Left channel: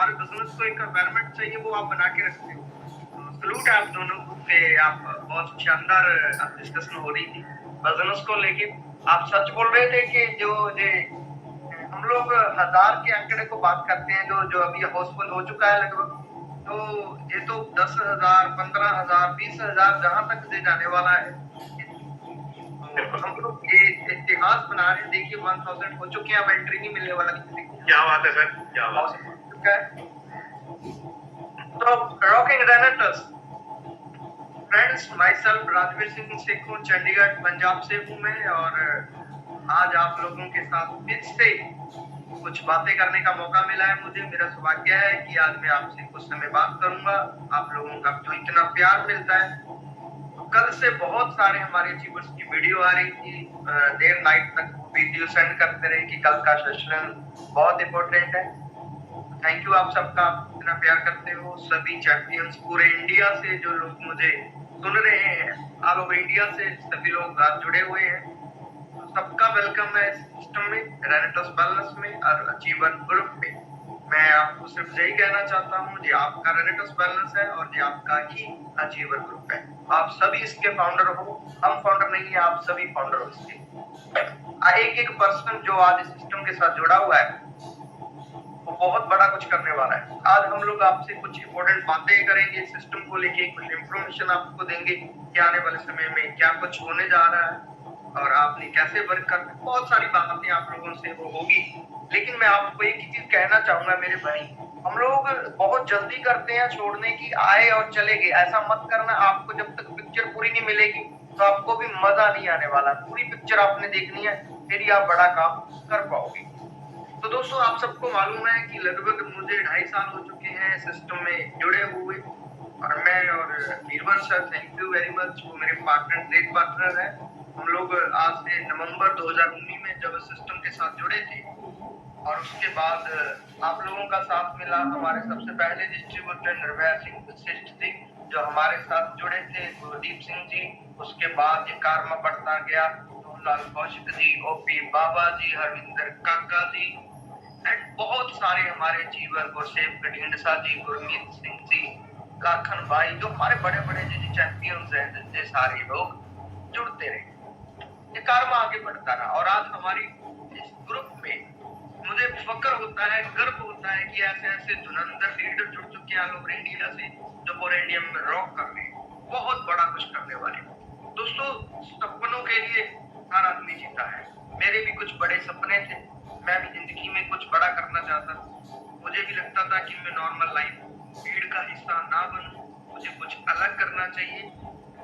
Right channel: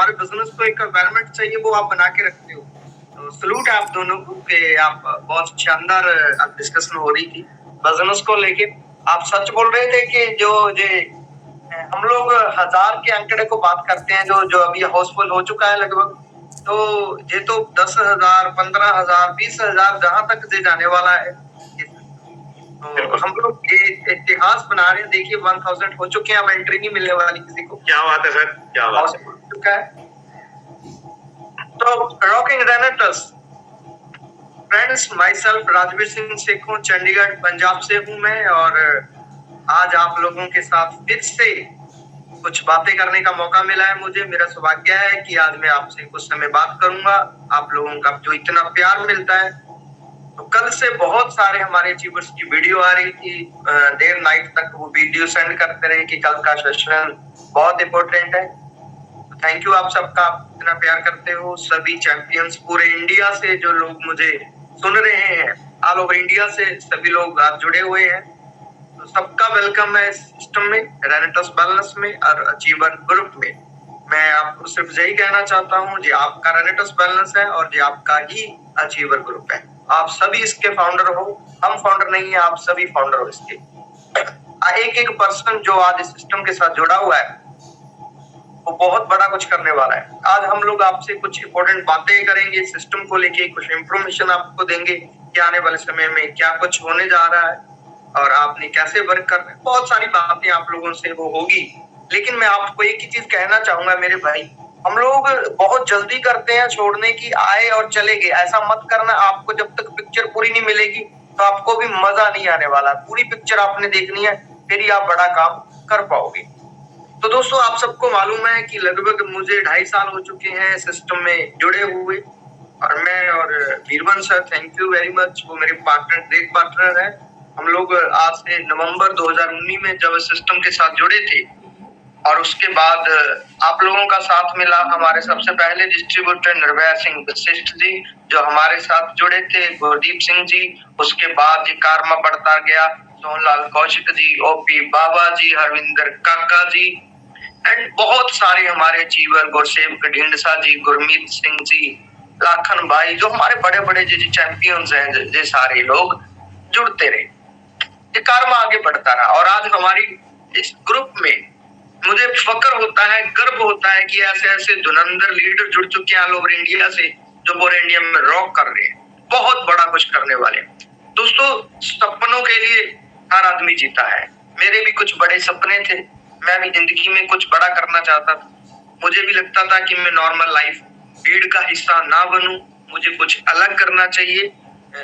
हमारे बिजनेस को एक एनवायरनमेंट चाहिए, वो आप बना के रखते हो। तो सलूट है आप दोनों को कि आप बहुत शानदार डिस्कशन हो रही थी बिजनेस को लेके। आप सच बोल रहे थे कि जो हम लोग 1000 के आंकड़े को बात करते हैं, जो जो अभी हाउसफुल हो चुका है लगभग, तो ये तो 10,000, 15,000, 20,000 जहां तक जे जाने वाला है। तो हम लोग ये इतिहास बना रहे हैं। देखिए 1000 हो चुके हैं, अब एंट्री नहीं मिलने वाली किसी को। क्या बात है सर, क्या बात है। हो चुका है। तो rocking रेनेटस friends, my self Rajveer Singh Sekhon, Chandigarh Punjab से हूँ मैं, और आज आप लोगों के साथ फिर से कुछ बातें करने का मौका मिला है मुझे। मेरा सौभाग्य है कि आज मैं आपसे कुछ समय बात करूंगा। आप लोगों का जो इतना प्यार मिलता है, तो कल से बहुत सारे हमारे अचीवर्स की वीडियो आ रही थी, देर नाइट तक वो वीडियो सेंड करते रहे कि कल का सेशन बहुत इंपॉर्टेंट है। थैंक यू आप सबका, आप इतना प्यार करते हो। सभी चैंपियंस पूरे इंडिया से जो लोग मुझे सुन रहे हैं, ऑल ओवर इंडिया से सभी लोग आज जुड़े हुए हैं, तो सबका वेलकम है इस सिस्टम में, रेनेटस वेलनेस में और अचीवर ग्रुप में। मैं आपको सिर्फ यही कहना चाहता हूँ, जी आपका रेनेटस वेलनेस है और जी आपका ही अचीवर ग्रुप है। आप सभी इसके फाउंडर हो, हम फाउंडर नहीं है, आप सभी फाउंडर हो इसके। एक एक पर्सन जो आज इस सिस्टम के साथ जुड़ा हुआ है, वो बहुत बड़ा कुछ करने वाला है। आज हम लोग आपसे कुछ इंपॉर्टेंट बातें करेंगे सिस्टम को लेके, कुछ इंफॉर्मेशन आपको देंगे कि आने वाले समय में क्या कुछ होने जा रहा है और आपने कैसे वर्क करना है। बहुत सारी बातें आप लोगों से वो होगी, लेकिन मैं आपको एक ही चीज कहना चाहूंगा मेरे भाई, हम लोग बहुत जल्दी करते हैं छोड़ने की, आए और चले गए। ऐसा मत करना। आपको जब तक पिक्चर पूरी नहीं मिलेगी तो आपको भी मजा नहीं आने वाला। पूरी पिक्चर आपने देखनी है, फिर ही आप बड़ा काम कर पाओगे। तो दोस्तों, आप सबको मालूम है कि लगभग मुझे 2.5 साल हो चुके हैं सिस्टम में जुड़े हुए, और मैं और Veeravan sir, thank you very much, वो मेरे पार्टनर, ग्रेट पार्टनर है। हम लोग आज से नवंबर 2019 में जब सिस्टम के साथ जुड़े थे, और उसके बाद आप लोगों का साथ मिला। हमारे सबसे पहले डिस्ट्रीब्यूटर निर्भया सिंह वशिष्ठ जी जो हमारे साथ जुड़े थे, गुरदीप सिंह जी, उसके बाद जी कारमा बढ़ता गया, सोहनलाल कौशिक जी, ओपी बाबा जी, हरविंदर काका जी, एंड बहुत सारे हमारे अचीवर, गुरसेवक ढिंडसा जी, गुरमीत सिंह जी, लाखन भाई, जो हमारे बड़े बड़े जो चैंपियंस हैं, जो सारे लोग जुड़ते रहे, ये कारवा आगे बढ़ता रहा। और आज हमारी इस ग्रुप में मुझे फक्र होता है, गर्व होता है कि ऐसे ऐसे धुरंधर लीडर जुड़ चुके हैं ऑल ओवर इंडिया से, जो पूरे इंडिया में रॉक कर रहे हैं, बहुत बड़ा कुछ करने वाले। दोस्तों, सपनों के लिए हर आदमी जीता है। मेरे भी कुछ बड़े सपने थे, मैं भी जिंदगी में कुछ बड़ा करना चाहता था। मुझे भी लगता था कि मैं नॉर्मल लाइफ भीड़ का हिस्सा ना बनूं, मुझे कुछ अलग करना चाहिए।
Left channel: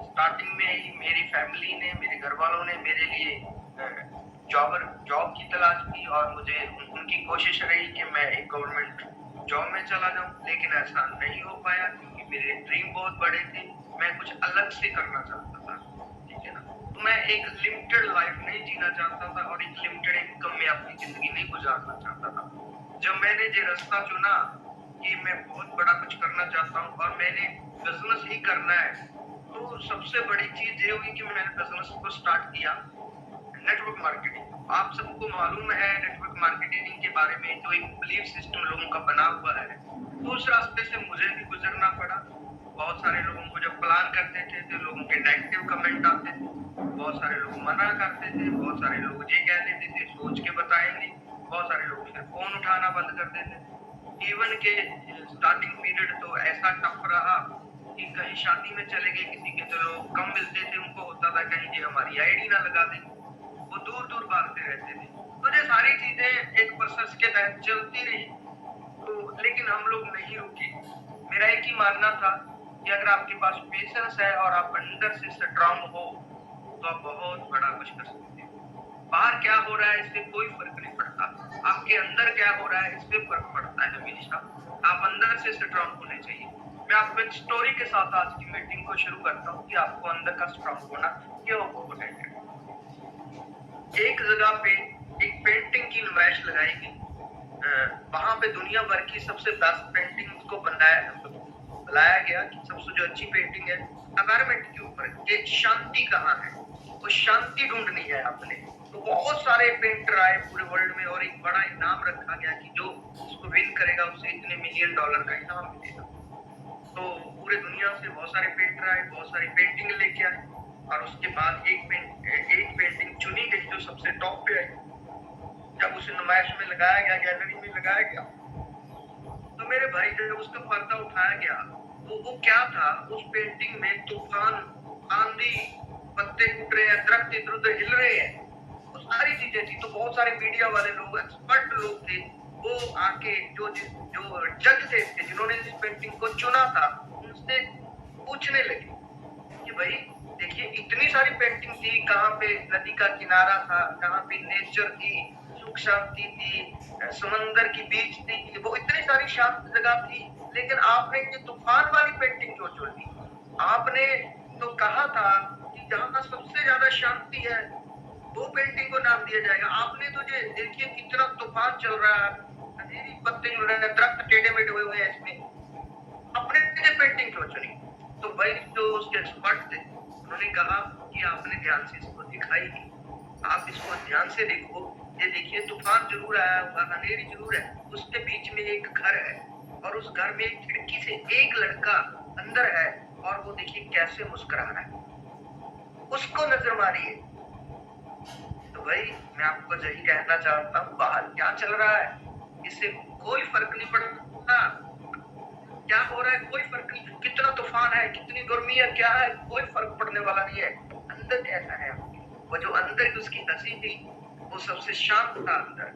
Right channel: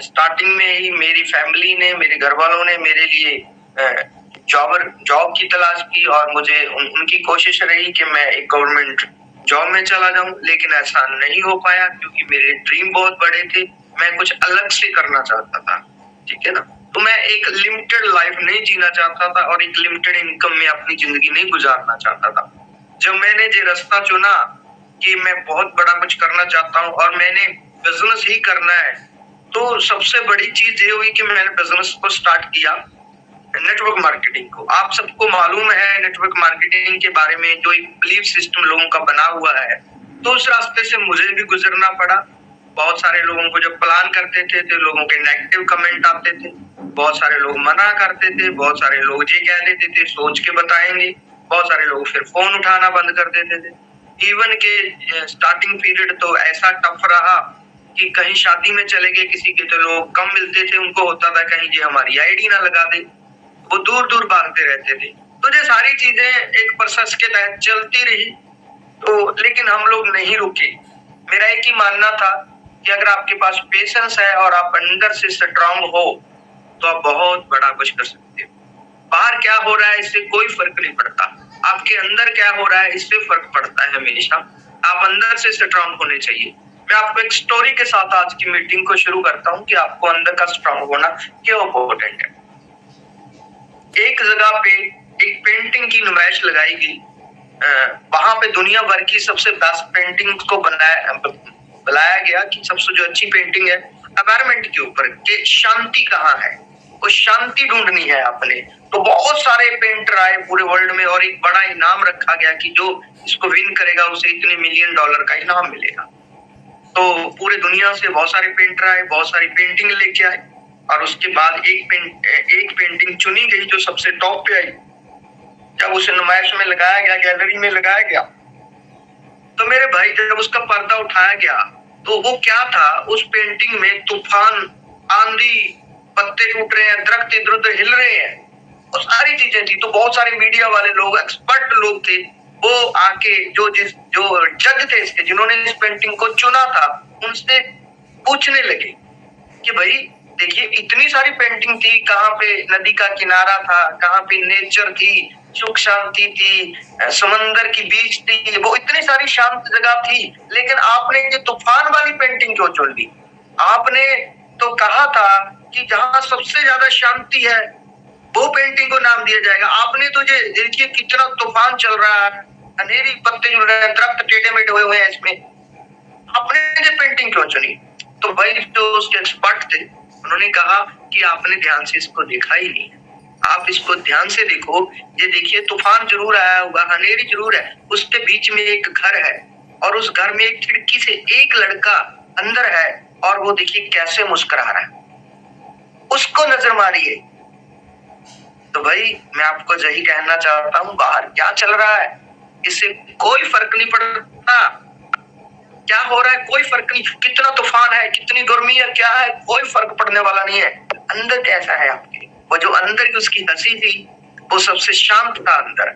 स्टार्टिंग में ही मेरी फैमिली ने, मेरे घर वालों ने मेरे लिए जॉब की तलाश की, और मुझे उनकी कोशिश रही कि मैं एक गवर्नमेंट जॉब में चला जाऊं, लेकिन ऐसा नहीं हो पाया क्योंकि मेरे ड्रीम बहुत बड़े थे। मैं कुछ अलग से करना चाहता था, ठीक है ना। तो मैं एक लिमिटेड लाइफ नहीं जीना चाहता था और एक लिमिटेड इनकम में अपनी जिंदगी नहीं गुजारना चाहता था। जब मैंने ये रास्ता चुना कि मैं बहुत बड़ा कुछ करना चाहता हूँ और मैंने बिजनेस ही करना है, तो सबसे बड़ी चीज ये हुई कि मैंने बिजनेस को स्टार्ट किया, नेटवर्क मार्केटिंग को। आप सबको मालूम है नेटवर्क मार्केटिंग के बारे में, जो एक बिलीफ सिस्टम लोगों का बना हुआ है। तो उस रास्ते से मुझे भी गुजरना पड़ा। बहुत सारे लोगों को जब प्लान करते थे तो लोगों के नेगेटिव कमेंट आते थे, बहुत सारे लोग मना करते थे, बहुत सारे लोग ये कह देते थे सोच के बताएंगे, बहुत सारे लोग फिर फोन उठाना बंद कर देते थे। इवन के स्टार्टिंग पीरियड तो ऐसा टफ रहा कि कहीं शादी में चले गए किसी के, तो लोग कम मिलते थे, उनको होता था कहीं ये हमारी आईडी ना लगा दे, वो दूर दूर भागते रहते थे। तो ये सारी चीजें एक प्रोसेस के तहत चलती रही, तो लेकिन हम लोग नहीं रुके। मेरा एक ही मानना था कि अगर आपके पास पेशेंस है और आप अंदर से स्ट्रांग हो, तो आप बहुत बड़ा कुछ कर सकते हो। बाहर क्या हो रहा है इससे कोई फर्क नहीं पड़ता, आपके अंदर क्या हो रहा है इससे फर्क पड़ता है हमेशा। आप अंदर से स्ट्रांग होने चाहिए। मैं आपको एक स्टोरी के साथ आज की मीटिंग को शुरू करता हूँ कि आपको अंदर का स्ट्रांग होना क्यों इम्पोर्टेंट है। एक जगह पे एक पेंटिंग की नुमाइश लगाई गई, वहां पे दुनिया भर की सबसे बेस्ट पेंटिंग को बुलाया गया कि सबसे जो अच्छी पेंटिंग है एनवायरनमेंट के ऊपर, कि शांति कहाँ है। वो शांति ढूंढनी है आपने। तो बहुत सारे पेंटर आए पूरे वर्ल्ड में और एक बड़ा इनाम रखा गया कि जो इसको विन करेगा उसे इतने $1 मिलियन का इनाम मिलेगा। तो पूरे दुनिया से बहुत सारे पेंटर आए, बहुत सारी पेंटिंग लेके आए और उसके बाद एक पेंटिंग चुनी गई जो सबसे टॉप पे आई। जब उसे नुमाइश में लगाया गया, गैलरी में लगाया गया, तो मेरे भाई जब उसका पर्दा उठाया गया तो वो क्या था, उस पेंटिंग में तूफान, आंधी, पत्ते टूट रहे हैं, दरख्त इधर उधर हिल रहे हैं, वो सारी चीजें थी। तो बहुत सारे मीडिया वाले लोग, एक्सपर्ट लोग थे, वो आके जो जज थे इसके, जिन्होंने इस पेंटिंग को चुना था, उनसे पूछने लगे कि भाई देखिए इतनी सारी पेंटिंग थी, कहाँ पे नदी का किनारा था, कहाँ पे नेचर थी, सुख शांति थी, समंदर की बीच थी, वो इतनी सारी शांत जगह थी, लेकिन आपने ये तूफान वाली पेंटिंग क्यों चुन ली? आपने तो कहा था कि जहाँ सबसे ज्यादा शांति है वो पेंटिंग को नाम दिया जाएगा। आपने तो ये देखिए कितना तूफान चल रहा है, अंधेरी पत्ते जुड़ रहे हैं, दरख्त टेढ़े मेढ़े हुए हुए हैं इसमें, आपने ये पेंटिंग क्यों चुनी? तो भाई जो उसके एक्सपर्ट थे उन्होंने कहा कि आपने ध्यान से इसको देखा ही नहीं, आप इसको ध्यान से देखो, ये देखिए तूफान जरूर आया होगा, अंधेरी जरूर है, उसके बीच में एक घर है और उस घर में एक खिड़की से एक लड़का अंदर है और वो देखिए कैसे मुस्कुरा रहा है, उसको नजर मारिए। तो भाई मैं आपको यही कहना चाहता हूँ, बाहर क्या चल रहा है इससे कोई फर्क नहीं पड़ता, क्या हो रहा है कोई फर्क नहीं, कितना तूफान है, कितनी गर्मी है, क्या है, कोई फर्क पड़ने वाला नहीं है। अंदर कैसा है आपके, वो जो अंदर की उसकी हंसी थी वो सबसे शांत था अंदर,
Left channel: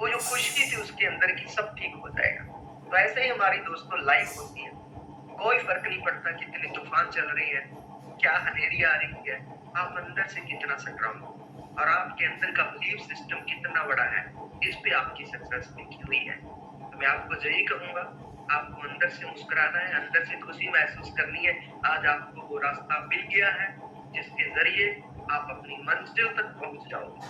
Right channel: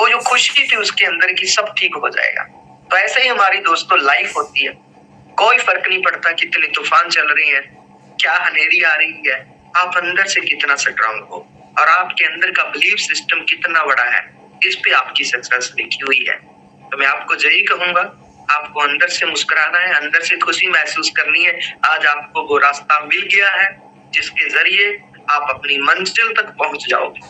वो जो खुशी थी उसके अंदर की, सब ठीक हो जाएगा। तो ऐसे ही हमारी दोस्तों लाइफ होती है, कोई फर्क नहीं पड़ता कितनी तूफान चल रही है, क्या हनेरी आ रही है, आप अंदर से कितना स्ट्रांग हो और आपके अंदर का बिलीफ सिस्टम कितना बड़ा है, इस पे आपकी सक्सेस लिखी हुई है। तो मैं आपको यही कहूंगा, आपको अंदर से मुस्कुराना है, अंदर से खुशी महसूस करनी है। आज आपको वो रास्ता मिल गया है जिसके जरिए आप अपनी मंजिल तक पहुंच जाओगे।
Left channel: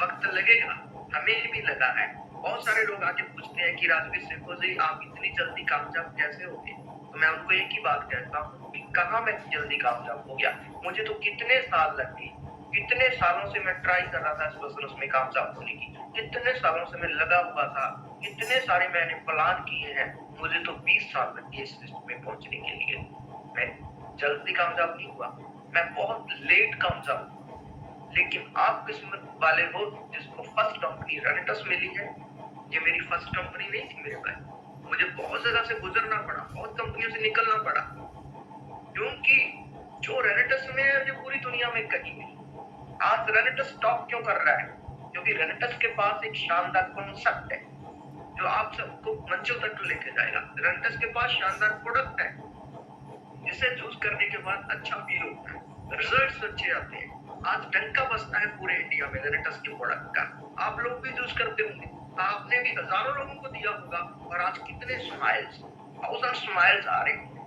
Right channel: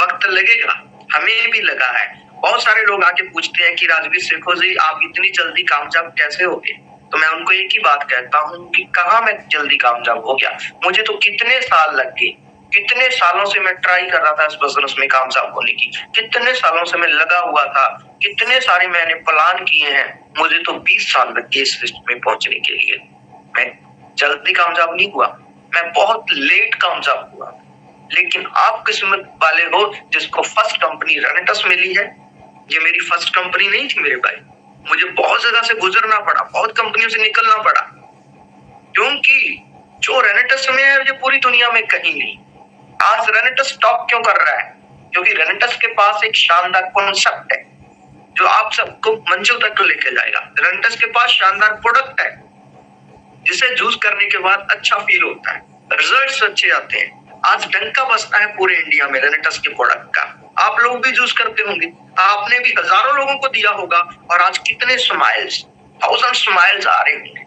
वक्त लगेगा, हमें भी लगा है। बहुत सारे लोग आके पूछते हैं कि राजवीर शेखो जी आप इतनी जल्दी कामयाब कैसे हो गए? तो मैं उनको एक ही बात कहता हूँ कि कहाँ मैं जल्दी कामयाब हो गया, मुझे तो कितने साल लग गए, कितने सालों से मैं ट्राई कर रहा था इस बिजनेस में कामयाब होने की, कितने सालों से मैं लगा हुआ था, कितने सारे मैंने प्लान किए हैं, मुझे तो 20 साल लग गए इस लिस्ट में पहुंचने के लिए। मैं जल्दी कामयाब नहीं हुआ, मैं बहुत लेट कामयाब हुआ। लेकिन आप किस्मत वाले हो जिसको फर्स्ट कंपनी रेनेटस मिली है। ये मेरी फर्स्ट कंपनी नहीं थी मेरे भाई, मुझे बहुत जगह से गुजरना पड़ा, बहुत कंपनियों से निकलना पड़ा, क्योंकि जो रेनेटस में है ये पूरी दुनिया में कहीं नहीं। आज रेनेटस टॉप क्यों कर रहा है? क्योंकि रेनेटस के पास एक शानदार कॉन्सेप्ट है जो आप सबको मंजिल तक लेके जाएगा। रेनेटस के पास शानदार प्रोडक्ट है जिसे यूज करने के बाद अच्छा फील होता है, रिजल्ट्स अच्छे आते हैं। आज डंका बसता है पूरे इंडिया में रेनेटस के प्रोडक्ट का, आप लोग भी यूज करते होंगे, आपने भी हजारों लोगों को दिया होगा और आज कितने स्माइल्स, 1000 स्माइल्स आ रहे होंगे।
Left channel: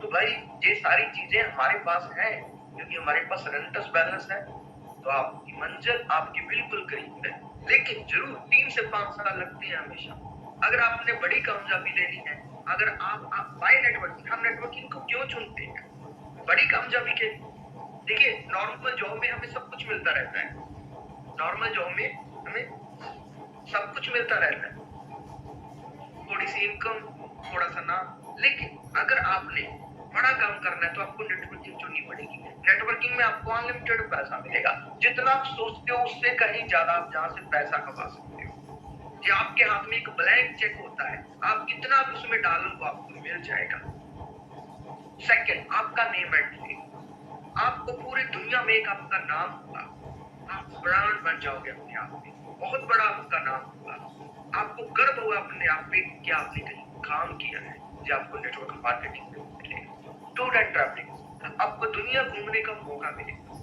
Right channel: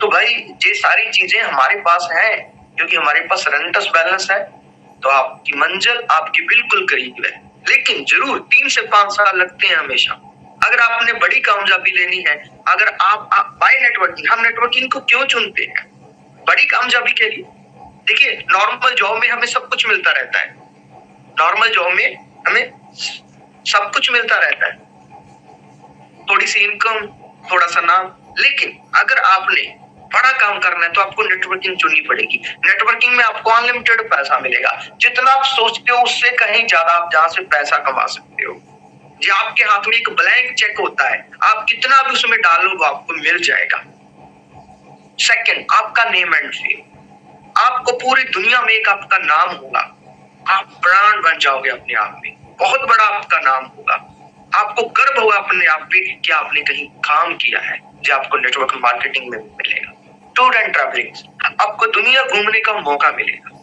तो भाई ये सारी चीजें हमारे पास है क्योंकि हमारे पास रेनेटस बैलेंस है। तो आपकी मंजिल आपकी बिल्कुल करीब है, लेकिन जरूर 3 से 5 साल लगते हैं हमेशा। अगर आपने बड़ी कामयाबी लेनी है, अगर आप बाय नेटवर्किंग, हम नेटवर्किंग को क्यों चुनते हैं? बड़ी कामयाबी के लिए। देखिए नॉर्मल जॉब में हमें सब कुछ मिलता रहता है, नॉर्मल जॉब में हमें सब कुछ मिलता रहता है, थोड़ी सी इनकम, थोड़ा सा नाम। लेकिन अगर आपने बड़ा काम करना है तो आपको नेटवर्किंग चुननी पड़ेगी। नेटवर्किंग में आपको अनलिमिटेड पैसा मिलेगा, जितना आप सोचते हो उससे कहीं ज्यादा आप जहां से पैसा कमा सकते हो। जो आपके हाथ में एक ब्लैंक चेक होता है, आप कितना भी उसमें डालो वो आपको मिल जाएगा। सेकंड, आपका नेम एंड फेम, आपको पूरी दुनिया में एक आपका नाम होगा, आप ब्रांड बन जाओगे अपने आप में, बहुत बड़ा आपका नाम होगा, आपको गर्व होगा अपने आप पे कि आपने कहीं काम किया है, जो आपको नेटवर्क मार्केटिंग में मिलेगा। टूर एंड ट्रैवलिंग, आपको दुनिया घूमने का मौका मिलेगा।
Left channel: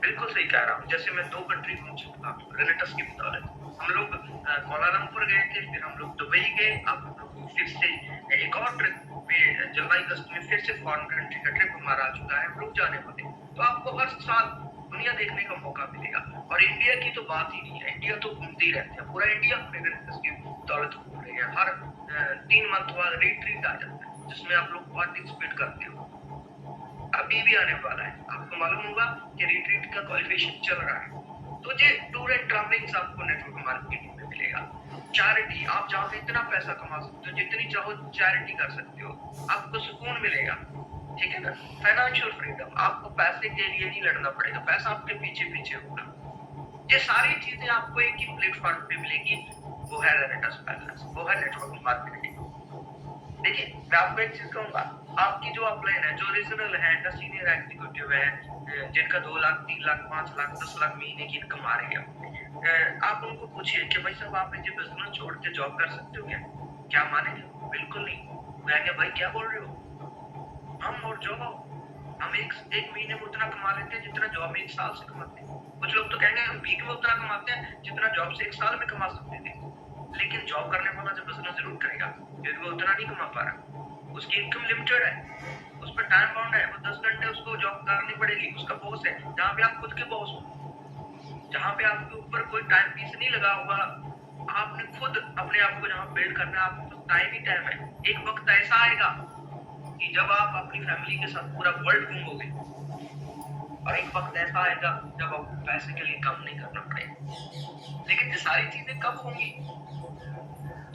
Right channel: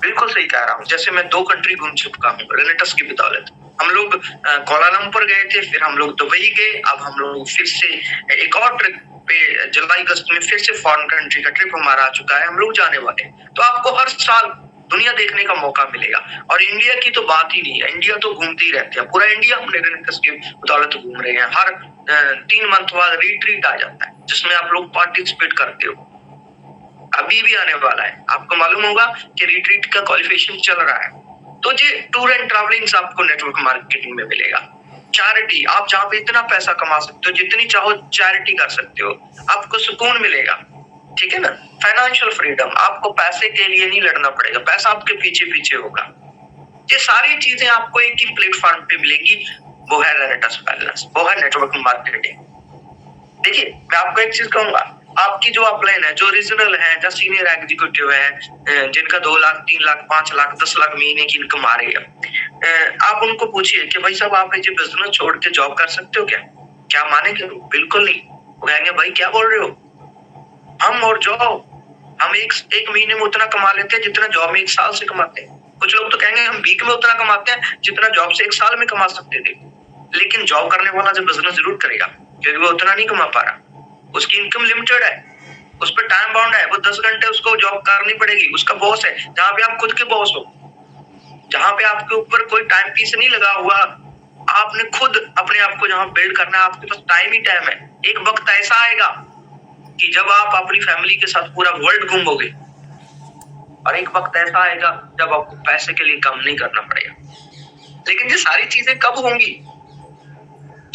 बिल्कुल सही कह रहा हूँ, जैसे मैं 2 कंट्री घूम चुका हूँ रेनेटस की बदौलत। हम लोग कोलालंपुर गए थे, फिर हम लोग दुबई गए, अब हम लोग फिर से एक और ट्रिप पे जुलाई अगस्त में फिर से फॉरेन कंट्री का ट्रिप हमारा आ चुका है, हम लोग जाने वाले। तो आपको हर साल दुनिया देखने का मौका मिलेगा। और इंडिया की तो बात ही नहीं है, इंडिया तो घूमते ही रहते हैं, पूरा इंडिया हम रेनेटस की बदौलत घूम रहे हैं। हर 3 मंथ बाद रिट्रीट आ जाता है जिसमें आप लोग पार्टिसिपेट करते हो। अभी भी आने वाला है। आपको मालूम होगा कि रिट्रीट का क्वालिफिकेशन चल रहा है, तो ये टूर एंड ट्रैवलिंग आपको नेटवर्क मार्केटिंग में मिलेगा। चैरिटी, आप जहाँ पे इतना पैसा कमा सकते हो, जितनी चाहो चैरिटी कर सकते हो, आपको सुकून मिलेगा, ठीक है ना। फाइनेंशियल फ्रीडम, आपको पैसे के लिए नहीं लड़ना पड़ेगा, पैसा आपके पीछे पीछे होगा। ये सारी चीजें आपको एक ही प्लेटफॉर्म पे मिलेगी, वो है रेनेटस बैलेंस, वो है नेटवर्क मार्केटिंग। देखिए, मैं आपको एक चीज कहूंगा, आपकी जो अपलाइन है, जो रीजनल है, जो सीनियर एग्जीक्यूटिव है, जिनका 2 लाख, 3 लाख, 5 लाख, 10 लाख महीने की इनकम आ रही है, आप उनको पूछिए कि भाई साहब, आप ये बिजनेस छोड़ के जॉब कर सकते हो क्या? क्या मानेंगे? बिल्कुल नहीं। वो कहेंगे भाई क्या बोल रहे हो, हम और जॉब, हम एक महीने में उतना कमा लेते हैं जितना जॉब में 1 साल से कमाते हैं। कुछ लोग तो कहेंगे हम वीक में उतना कमाते हैं जितना जॉब से 1 साल में कमा सकते थे। लेकिन जॉब करने वाला जब बिजनेस जरूर करेगा, क्योंकि वो उतना नहीं कमा पा रहा, उसकी इनकम लिमिटेड है, उस पर टाइम बाउंड है, वो 10 घंटे उसको जॉब करनी पड़ेगी, उसका बॉस है, जहाँ पे आप खुद के बॉस हो, जहाँ पे आपके ऊपर कोई टाइम पीस नहीं लगा हुआ, आपने खुद अपने आप को जहाँ बिल्ड करना है, आपके पास टाइम ही टाइम है। एक वक्त ऐसा आएगा कि जब आप अपनी फैमिली के साथ पूरा वर्ल्ड घूमोगे, और एक वक्त ऐसा आएगा जब आपको पैसे के लिए काम नहीं करना पड़ेगा। लेकिन ये सारी चीजें कब होंगी?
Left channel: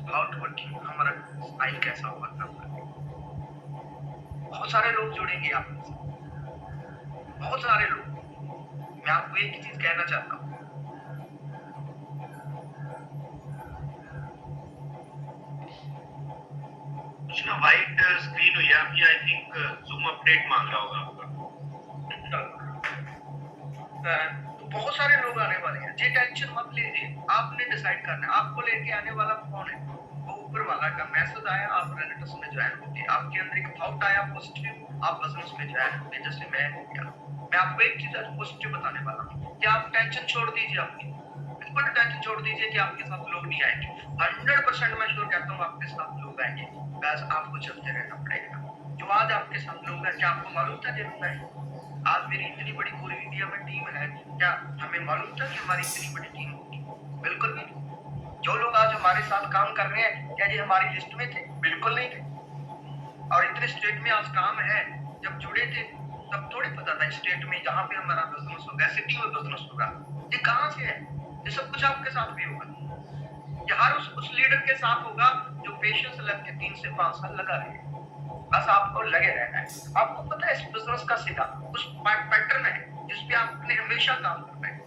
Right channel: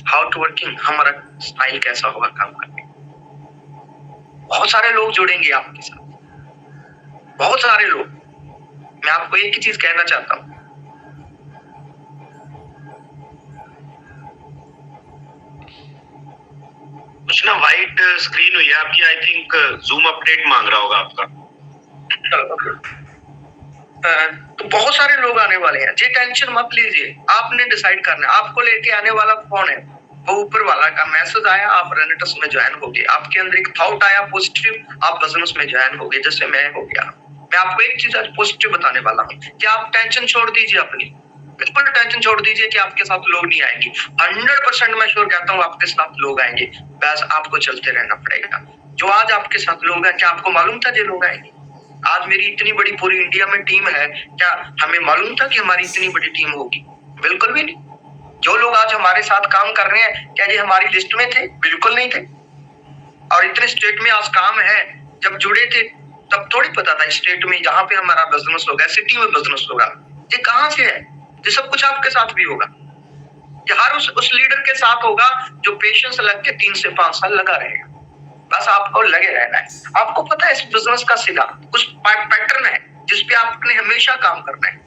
हाउ टू वर्किंग, हमारा स्टाइल कैसा होगा काम करने। बहुत सारे लोग जुड़ेंगे आपके साथ, बहुत सारे लोग। मैं आपको एक ही चीज कहना चाहता हूँ, कुछ ना व्हाइट स्क्रीन हुई है आपकी, आई थिंक जूम अपडेट मांग रहा होगा आपका। तो बहुत सारे लोग आने वाले हैं, जी टेंशन मत लीजिए, आपने डिसाइड करना है। आपको लेके आने वाला कौन है? वो ऊपर वाला का मैसेज आया, आप रेनेटस में ज्वाइन हो गए, आपके अंदर एक थॉट आया पॉजिटिव, आप बिजनेस में ज्वाइन हो गए, जैसे मैं हो गया। मैं आपको एक चीज आज पॉजिटिव बताने वाला हूँ कि आप टेंशन छोड़ दीजिए अपनी, बिल्कुल टेंशन छोड़ दीजिए कि आपके साथ लोग नहीं आएंगे। 100% मैं श्योर कहता हूँ आपके साथ लोग आएंगे, बस आपको चलते रहना पड़ेगा। जो आज आपके साथ लोग हैं, क्या आपको मालूम था ये लोग आएंगे? आज मेरी इतनी बड़ी पूरी इंडिया में टीम है, क्या हमें मालूम था कि हमारी इतनी बड़ी टीम होगी? बिल्कुल भी नहीं। जो लोग आज हमारे साथ काम कर रहे हैं, क्या ये हमारी लिस्ट में थे? बिल्कुल नहीं थे। और इतने स्टेट में आज काम है, जब जुड़े थे तब थोड़ी पता था स्टेट में जहाँ पे हमारा बिजनेस होगा, सिटी में बिजनेस होगा, ये कहाँ से है? ये सब कुछ आपके साथ भी होगा। ये हर उस लीडर के साथ होगा जो पेशेंस लग के 3 से 5 साल लगा रहेगा। बस आपको लगे रहना है। आपको पता है इस बिजनेस का सीधा कुछ पैटर्न है जिसपे आपने हमेशा काम करना है।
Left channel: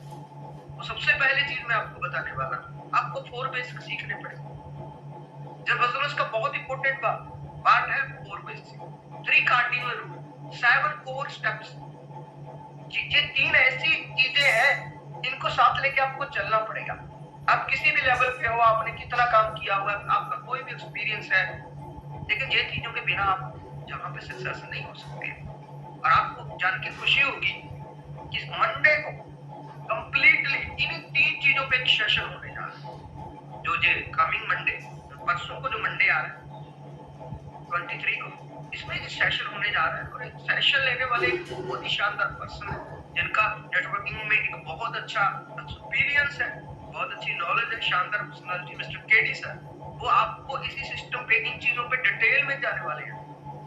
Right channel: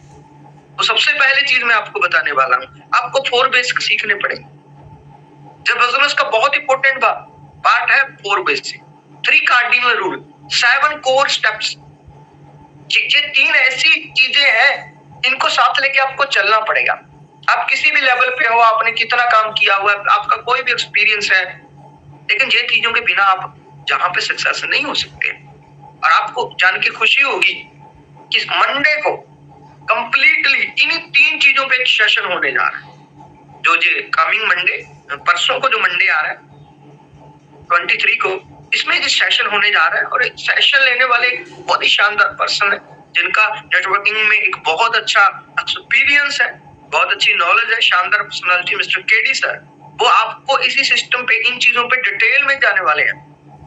तो सबसे पहले चीज मैं आपको बताने वाला हूँ, आपको 4 बेसिक सीखने पड़ेंगे। जब बिजनेस का बहुत इंपॉर्टेंट पार्ट है 4 basic, 3 cardinal rule, 7 core steps. ये 3 ऐसी चीजें हैं, इनको साथ लेके आपको चलना पड़ेगा। आप किसी भी लेवल पे हो, आपने कितना काम किया हुआ है, आपका कोई भी एक्सपीरियंस है, लेकिन ये चीजों के बिना आप जहां पे सक्सेस नहीं हो सकते। और आपको जान के खुशी होगी कि मंडे को कंप्लीटली इन्हीं 3 चीजों पे एक सेशन होने जा रहा है। जो कमिंग मंडे, परसों को जो मंडे आ रहा है 23 को, इसमें जो सेशन होने जा रहा है, और एक सेशन लेने वाले एक बहुत ही शानदार पर्सन है जिनका नेटवर्किंग में एक बहुत अच्छा एक्सपीरियंस है, बहुत अच्छी नॉलेज है, शानदार पर्सनालिटी, मिस्टर केडी सर। वो आपको इसी सिस्टम पे, इन चीजों पे डिटेल में जाने वाले हैं।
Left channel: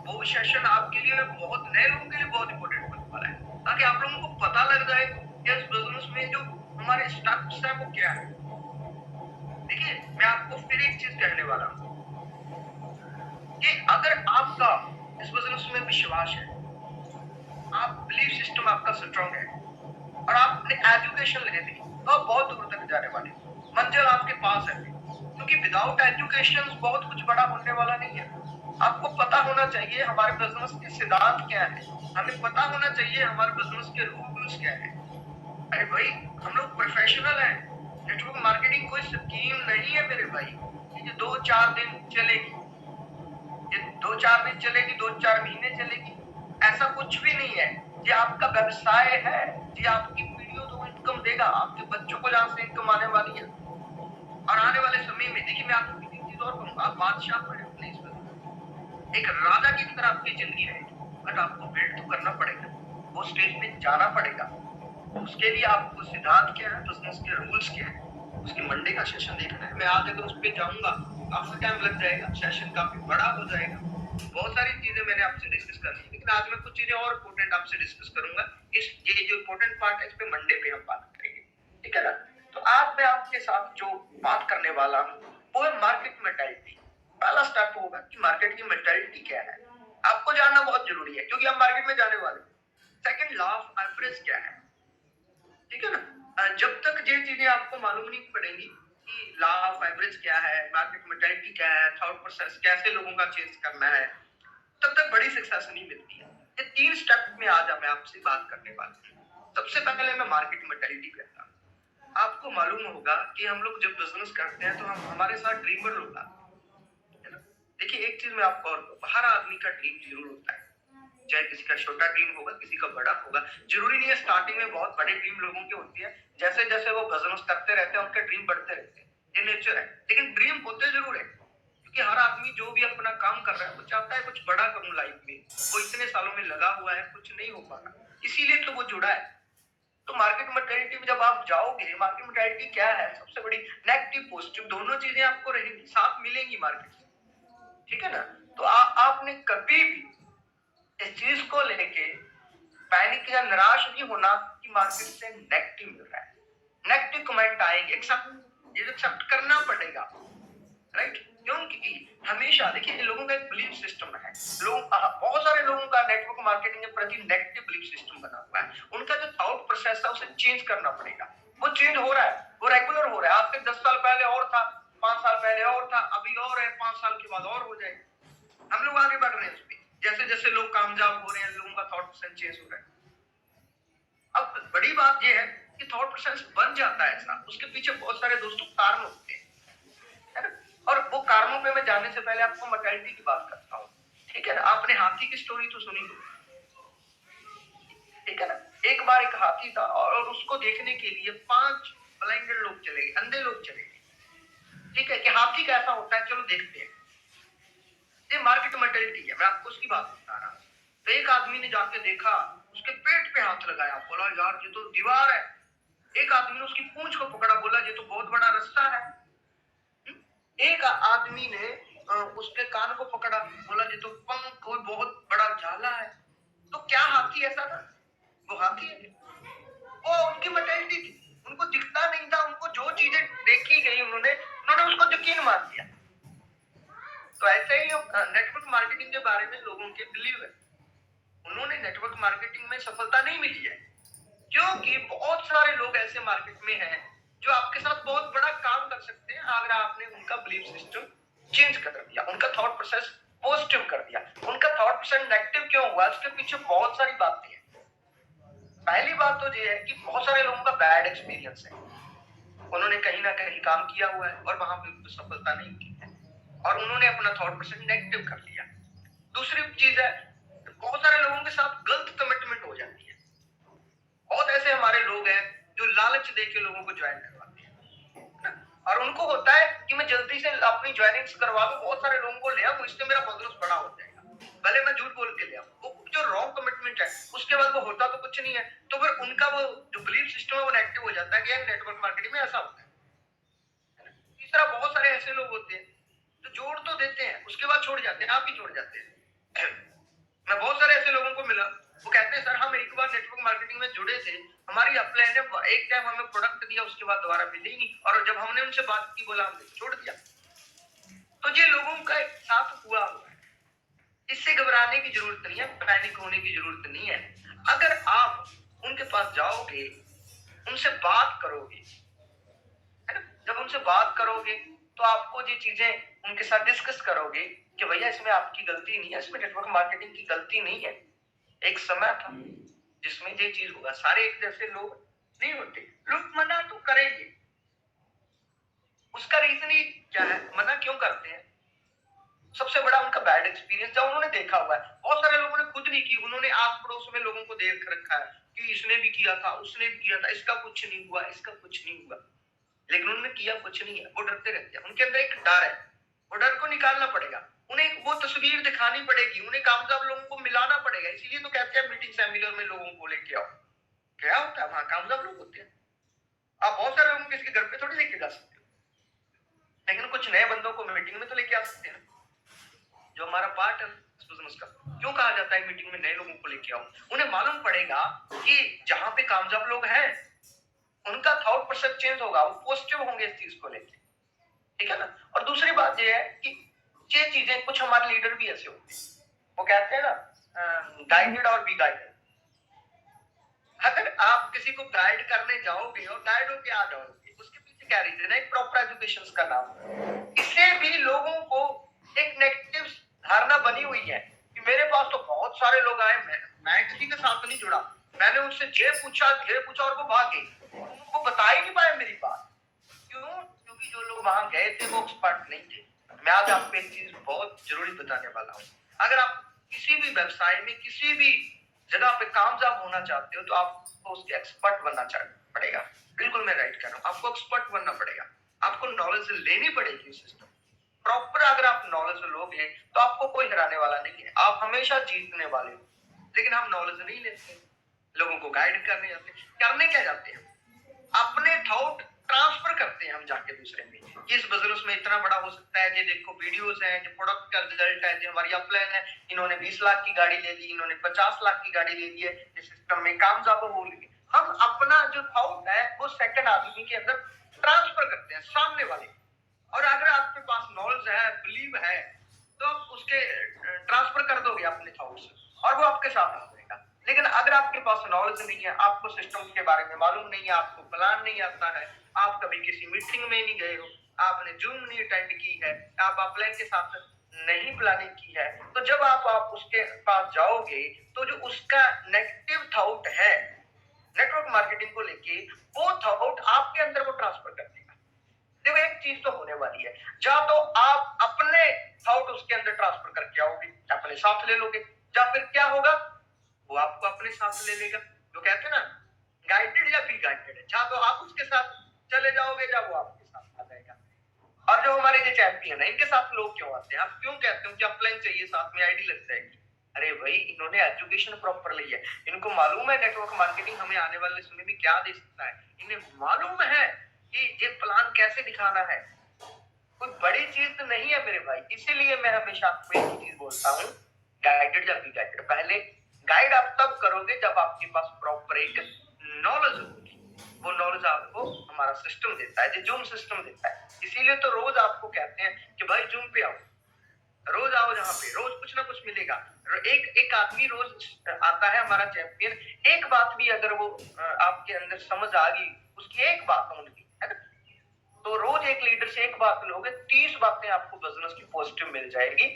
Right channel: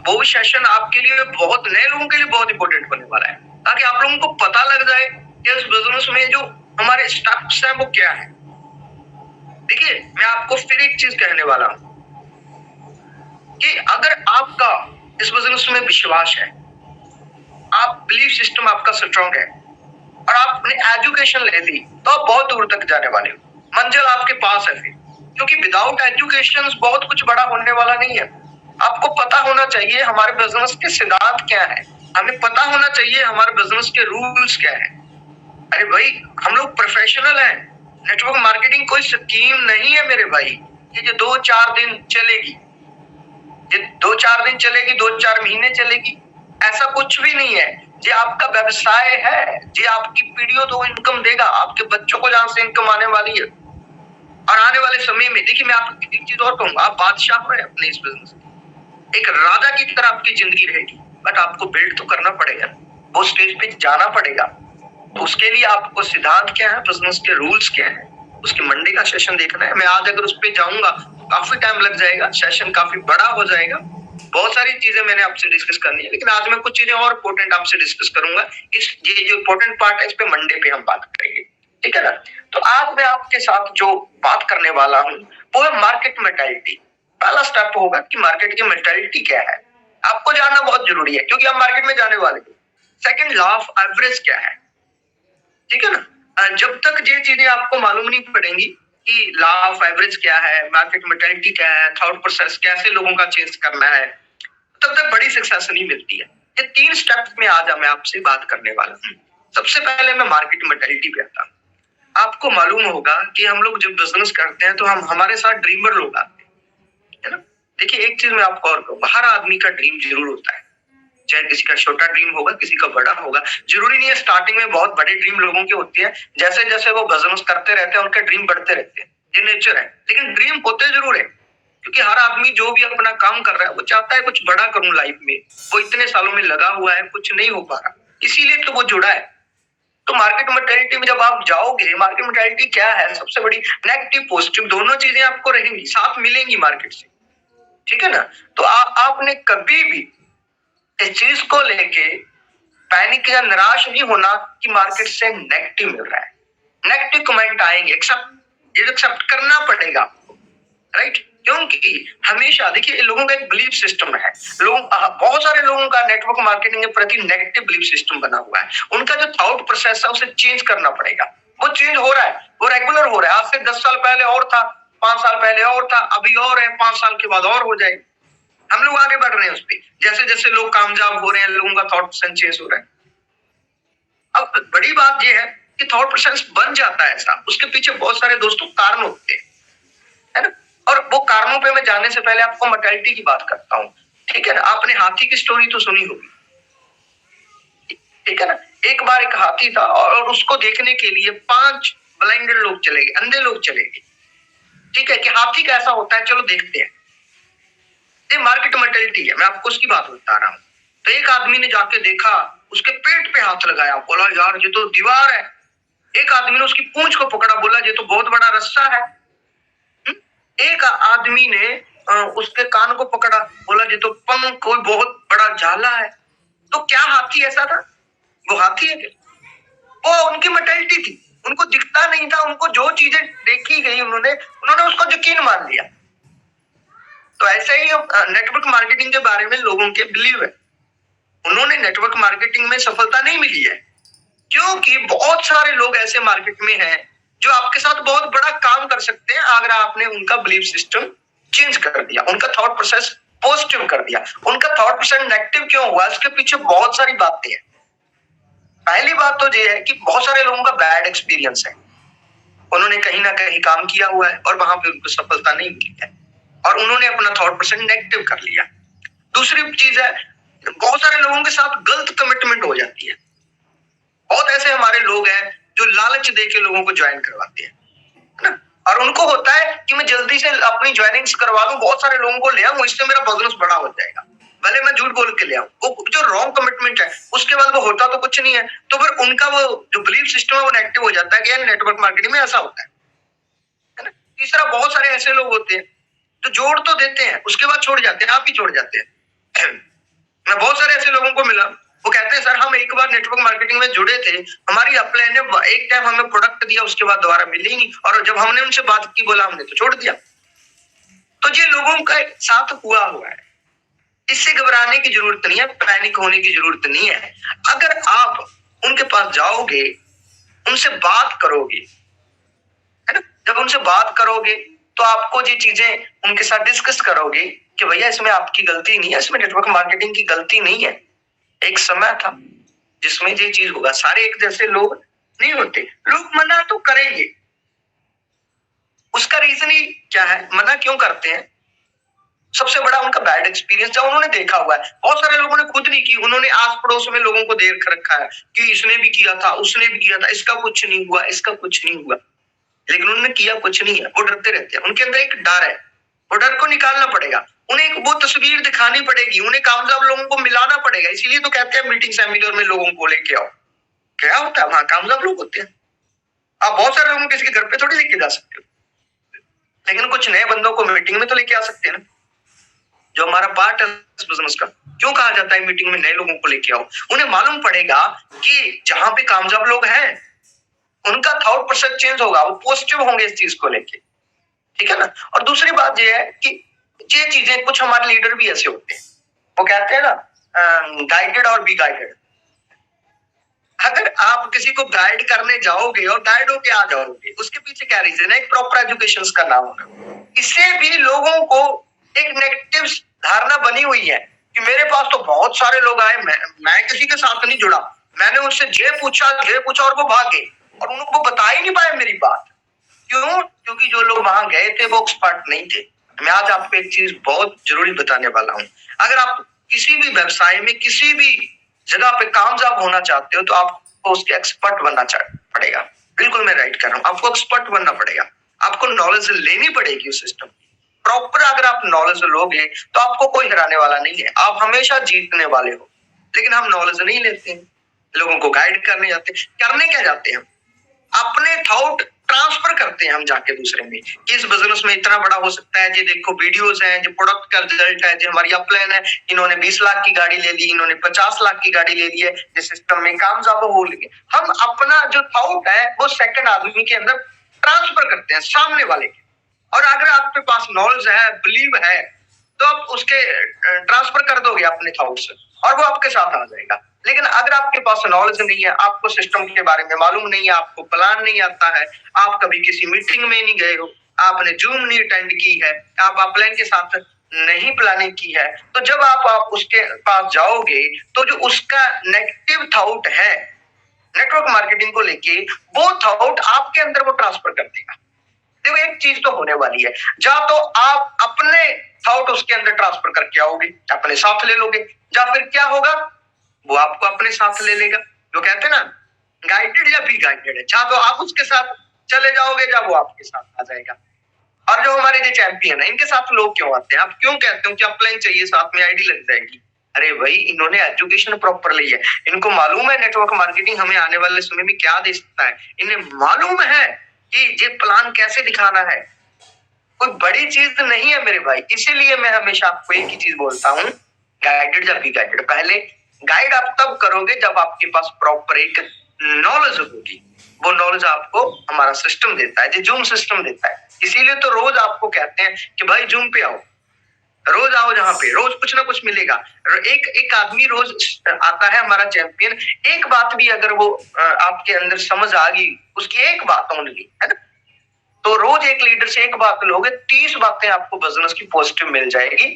वो भी सेशन आपके लिए, बहुत नए लोगों के लिए बहुत इंपॉर्टेंट होने वाला है, ताकि आप लोगों को पता लग जाए कि इस बिजनेस में जो हमारे स्टेप्स हैं वो क्या है। देखिए, मैं आपको फिर एक चीज कहने वाला हूं कि अगर आपका इस बिजनेस में विश्वास है, आप बिलीफ सिस्टम आपका स्ट्रॉन्ग है, और आपने एजुकेशन ले ली, तो आप बहुत दूर तक जाने वाले हो। मंजिल आपके पास है फिर, क्योंकि विदाउट एजुकेशन बहुत कुछ बड़ा होने वाला नहीं है। आपको पता होना चाहिए हमारे बिजनेस के सिद्धांत क्या है, हमें पता होना चाहिए हमारे बिजनेस के रूल्स क्या है। अरे भाई, हम लोग प्रोफेशनल हैं, नेटवर्क मार्केटिंग कोई स्कीम नहीं है मेरे भाई, ये जो 2-4 दिन चलेगी, ये 2-4 दिन चलेगी, 2-4 महीने चलेगी, ऐसा कुछ भी नहीं है। ये आपका व्यवसाय है, ये आपकी पीढ़ियों तो इनकम देगा, आपके बच्चों को जहां से इनकम आने वाली है। और आने वाले समय में देखिए, मैं आपको एक चीज और कहूंगा, आप बादशाह हैं अपने इस बिजनेस, एक राजा की तरह आपकी जिंदगी रहेगी, बट आपको बिल्ड तो करना पड़ेगा, वो स्टेज पे जाना पड़ेगा। तो उसके लिए आपको सिद्धांत क्या है, बिजनेस के रूल्स क्या है, उसके मंडे का सेशन देखना है। मैं आज अगर उस पर जाऊंगा काफी टाइम लग जाएगा, सेशन काफी बड़ा हो जाएगा, बहुत सारी चीजें मैंने आपसे डिस्कस करनी है, लेकिन आज मैं कुछ चीजें और इंपॉर्टेंट आपसे डिस्कस करूंगा। ये जो इंपॉर्टेंट पार्ट है इस पे मंडे पे हम बात करेंगे, ठीक है ना। तो आज मैं आपके साथ जो बात करने वाला हूँ वो है मार्केट मेंटालिटी। पहला स्टेप होगा कि मार्केट की मेंटालिटी क्या है, आपको जानना बहुत जरूरी है क्योंकि हम मार्केट में जाने वाले हैं। सेकंड, लॉ ऑफ एवरेज क्या है, ठीक है ना। जब तक ये चीजें आपको मालूम नहीं पड़ेंगी कि लॉ ऑफ एवरेज क्या है, मार्केट मेंटालिटी क्या है, थॉट प्रोसेस कैसे लोगों का चेंज करना है, तब तक बड़ी सक्सेस नहीं मिलती है। ये 3 स्टेप्स में आज मैं आपसे बात करने वाला हूँ। सबसे पहले मैं मार्केट मेंटालिटी पे आता हूँ। आपको मालूम होगा कि हम लोग जब बिजनेस करते हैं तो हम हमारे साथ ड्रीमर लोग आते हैं, है ना। देखिए एक चीज मैं आपको और कहूँ, हर आदमी का ड्रीम जरूर होता है, चाहे किसी का छोटा ड्रीम होगा, किसी का बड़ा होगा। जरूरी नहीं है स्टार्टिंग में बहुत बड़े ड्रीम लोगों के होते हैं, जैसे जैसे वो बिजनेस करते रहते हैं उनके ड्रीम बढ़ते रहते हैं, ये नेचर है। लेकिन ड्रीम होते जरूर है, क्योंकि हर आदमी जो भी अपना काम कर रहा है वो चाहता है कुछ बड़ा करूं लाइफ में। वो इतने सालों में लगा हुआ है, कुछ नहीं हो पा रहा, इसीलिए तो वो जुड़ा है। तो मार्केट मेंटालिटी में जब आप जाओगे, मार्केट मेंटालिटी क्या है, सबसे बड़ी नेगेटिव पॉजिटिव दोनों चीजें आपको रहेंगी, साथ मिलेंगी मार्केट से, ठीक है ना। तो आपने कभी भी इस चीज को लेके पैनिक या निराश नहीं होना कि मार्केट से नेगेटिव मिल रहा है। नेगेटिव कमेंट आएंगे, एक्सेप्ट करना पड़ेगा, राइट। क्योंकि हमेशा देखिए लोगों का एक बिलीफ सिस्टम है, बहुत सारे लोगों का नेटवर्क मार्केटिंग के प्रति नेगेटिव बिलीफ सिस्टम बना हुआ है। उनका जो थॉट प्रोसेस है उसे चेंज करना पड़ेगा। वो चेंज हो रहा है, वो रेगुलर हो रहा है। आज से 10 साल पहले और था, 5 साल पहले और था, अभी और है, 5 साल के बाद और हो जाएगा। हम लोग आगे बढ़ रहे हैं उस पर, जैसे जैसे लोग कामयाब हो रहे हैं, लोगों का थॉट प्रोसेस चेंज हो रहा है। अब बड़ी बात यह है कि थॉट प्रोसेस बन जाता है ऐसा, उसके पीछे बहुत सारे दोस्तों कारण होते हैं, है ना। और वो कारणों पे मैं जाने से पहले आपको मेंटालिटी की बात करता हूँ, ठीक है ना। आपने हाथी की स्टोरी तो सुनी होगी, ठीक है ना। एक बार एक हाथी था और उसको देखने के लिए 5 ब्लाइंडेड लोग चले गए, अंधे लोग चले गए, ठीक है, कि हाथी कैसा होता है, चलो देखते हैं। ये मार्केट मेंटालिटी है, मैं आपको उसकी बात बता रहा हूँ। तो एक आदमी ने जाके देखा, उसके पेट पे हाथ लगाया, बोला यार ये तो दीवार है। एक आदमी ने उसकी पूंछ को पकड़ा, बोला ये तो बहुत बड़ा रस्सा है। एक आदमी ने उसके कान को पकड़ा, बोला ये तो पंख, कोई बहुत बड़ा जाला है। तो क्या हाथी ऐसा था? वो हाथी है, वो उनकी मेंटालिटी थी, उनको दिखता नहीं था, उनको जो चीजें देखी गई उन्होंने उसको यकीन मान लिया। तो ऐसे ही नेटवर्क मार्केटिंग के बारे में लोगों के बिलीव है। उन्होंने नेटवर्क मार्केटिंग में सफलता नहीं मिली है क्योंकि बहुत सारे लोग ऐसे मार्केट में हैं जो आपके साथ बहुत बड़ा काम कर सकते हैं अगर आपने उनका बिलीफ सिस्टम चेंज कर दिया, उनका थॉट प्रोसेस पॉजिटिव कर दिया। उनका थॉट प्रोसेस नेगेटिव क्यों हुआ, इसके पीछे बहुत सारी बातें हैं। पहली बात तो ये है कि बहुत सारे लोगों का बैड एक्सपीरियंस है, उन्होंने कहीं ना कहीं काम किया हुआ है और वहां पे उनको सफलता नहीं मिली है और उन्होंने अपना थॉट प्रोसेस नेगेटिव कर लिया। दूसरी चीज है, बहुत सारे लोगों के साथ गलत कमिटमेंट हो जाती है। बहुत ऐसे हमारे लोग हैं जो लालच देके लोगों को ज्वाइन करवाते हैं, है ना। और उनको होता है कि मैं जल्दी से अपनी ज्वाइनिंग्स करवा लूं, बहुत सारे लोगों को ले आऊं, इससे मेरा बिजनेस बड़ा हो जाएगा, भले मैं झूठ बोल के ले आऊं। वो जो रॉन्ग कमिटमेंट है उसके बाद वो होता तो कुछ नहीं है, तो फिर उनका वो जो बिलीफ सिस्टम है वो नेगेटिव हो जाता है कि यार नेटवर्क मार्केटिंग में ऐसा होता है ना। तीसरा, बहुत सारे ऐसे लोग होते हैं जो जोड़ तो देते हैं उसके बाद छोड़ जाते हैं, आप ही छोड़ जाते हैं। मैं बहुत सारे ऐसे लोगों को मिला, वो कहते हैं सर हम एक बार नेटवर्क मार्केटिंग में जुड़े थे, हमारी अपलाइन ने एक टाइम हमें प्रोडक्ट दिया, उसके बाद दोबारा मिली ही नहीं, और जब हमने उनसे बात की बोला हमने तो छोड़ दिया। तो ये लोगों का साथ हुआ है, इससे घबराने की जरूरत नहीं है, पैनिक होने की जरूरत नहीं है। अगर आप उनके पास जाओगे, उनसे बात करोगे, है ना, जब उनसे बात करोगे तो आपको ये चीजें उनके साथ डिस्कस करोगे कि भैया इसमें आपकी गलती नहीं है, इसमें नेटवर्क मार्केटिंग की गलती नहीं है। एक समय था जिसमें ये चीज होगा, सारे एक जैसे लोग नहीं होते, लोग मना तो करेंगे। उसका रीजन ही क्या है, मना क्यों करते हैं? सबसे बड़ा उनका बैड एक्सपीरियंस जब उन्होंने देखा हुआ है। बहुत सारे लोगों ने खुद नहीं की, उन्होंने आस पड़ोस में लोगों को देख रखा है कि इसने भी किया था, उसने भी किया था, इसका कुछ नहीं हुआ, इसका कुछ नहीं हुआ, लेकिन उन्होंने किया कुछ नहीं है। वो डरते रहते हैं, उनके अंदर एक डर है, वो डर को निकालना पड़ेगा। उन्हें वो तस्वीर दिखानी पड़ेगी, उन्हें कामयाब लोगों को मिलाना पड़ेगा। इसीलिए तो कहते हैं मीटिंग सेमिनार में लोगों को लेके आओ। क्या होता है वहां, कामयाब लोग होते हैं। आप बहुत सारे लोगों किसी के घर पे थोड़ी लेके जा सकते हो, लेकिन कुछ नए बंदों को मीटिंग में तो लेके आ सकते हैं ना। जो हमारा पार्ट है इस बिजनेस का। क्यों कहा जाता है मीटिंग में नए लोगों को लेके आओ? उन्हें मालूम पड़ेगा कि जहां पे कामयाब लोग हैं उनका थॉट प्रोसेस चेंज होगा, वो पॉजिटिव होंगे इस चीज को लेके, ठीक है ना। और दूसरी बात ये है कि ये चीजें, कुछ हमारे लीडर भी ऐसे होते हैं, वो कहते हैं ना गाइडेड और बी गाइडेड। अगर आप किसी को गाइड करने जाओगे और गाइड होके आ जाओगे, उसके पीछे क्या रीजन है? एक प्रॉपर एजुकेशन करना होगा। इससे भी लोगों को एक नेगेटिव धारणा बनी हुई है कि मेरे पास तो बहुत सारे लोग आए, मैं किसी के साथ नहीं जुड़ा, मैंने उनसे ये पूछा और वो भागे और उनको बता ही नहीं पाए मेरी बात। क्यों? क्योंकि जो लोग वहां गए थे वो एक्सपर्ट नहीं थे। मैं आज आपको एक चीज बहुत जरूरी बताने वाला हूं। अगर आप किसी भी व्यवसाय में, किसी भी जगह पे कामयाब होना चाहते हो तो आपको उसके एक्सपर्ट बनना पड़ेगा। बिल्कुल मैं राइट कर रहा हूँ, आपको एक्सपर्ट बनना पड़ेगा, आपको नॉलेज लेनी पड़ेगी उस सिस्टम। प्रॉपर अगर आप नॉलेज लोगे तो आपको कोई हराने वाला नहीं है, आप हमेशा जीतने वाले हो। लेकिन हम नॉलेज नहीं लेते हैं, लोगों को गाइड करने जाते हैं। करने क्या जाते हैं? अपने थॉट ट्रांसफर करते हैं हम जाके दूसरे में कि इस बिजनेस में इतना बड़ा हो सकता है, जी देखो वीडियोस हैं, जो प्रोडक्ट का रिजल्ट है, जो हमारी अपलाइन है, इन्होंने 20 लाख की गाड़ी ले ली, इन्होंने 50 लाख की गाड़ी ले ली है, जिस सिस्टम में कामयाब हो गए। हम अपना जो थॉट है वो सेकंड आदमी के अंदर ट्रांसफर करते हैं, सामने वाले के। और अगर आपके पास नॉलेज है, बिलीव है, तो आप उसके ट्रांसफर कर दोगे अपने थॉट्स और वो आपके साथ आ जाएगा। लेकिन अगर आपके पास नॉलेज नहीं है, आपको सिस्टम के बारे में मालूम नहीं है, आपको प्लान नहीं आता है, आप कभी किसी मीटिंग में नहीं गए हो, आपने जूम नहीं अटेंड की है, आप अपलाइन के साथ नहीं प्लानिंग की है, तो जब आप उसके पास जाओगे तो जो उसका नेगेटिव थॉट है नेटवर्क मार्केटिंग को लेके, वो थॉट आपके अंदर वो ट्रांसफर कर देगा। देखो एक चीज तो होने वाली है, या तो आप अपने थॉट उसके अंदर ट्रांसफर करके आओगे, अपने साथ ले लोगे, या फिर क्या होगा, वो आपको अपने साथ ले लेगा। जो कहते हैं ना गाइडेड या बी गाइडेड है, या तो आप उसके साथ चले जाओगे या वो आपके साथ आ जाएगा। और जो हमारे जो चैंपियन है, इनके साथ लोग क्यों आते हैं? आप क्यों कहते हो कि अपलाइन चाहिए, साथ में आईडी लग जाएगी? अरे भाई, इन्होंने एजुकेशन प्रॉपर ली है, इनको मालूम है नेटवर्क मार्केटिंग हमें आने वाले समय में क्या दे सकता है, इन्हें मालूम है कि ये प्लान कैसे दिखाना है। कोई बड़ी चीज नहीं है मेरे भाई। इसीलिए मैं हमेशा आपको एक ही चीज बोलता हूँ, गाइडेड या बी गाइडेड। पहले गाइड आप तब करोगे जब आपके पास प्रॉपर एक नॉलेज होगी। वो नॉलेज आपको हमारा सिस्टम देता है, जो जूम सिस्टम देता है। इसीलिए तो रोज आपको कहते हैं कि भाई जूम पे आओ, रोज आओ, जहाँ पे रोज कुछ ना कुछ मिलेगा। एक एक आदमी रोज आता है, हमारा चैंपियन। एक बात भी अगर वो आपके अंदर समझ आ गई, उसकी एक बात ओनली है ना, तो रोज एक लीडर से एक बात लोगे, 30 बातें आपको बिजनेस की पॉजिटिव मिल जाएगी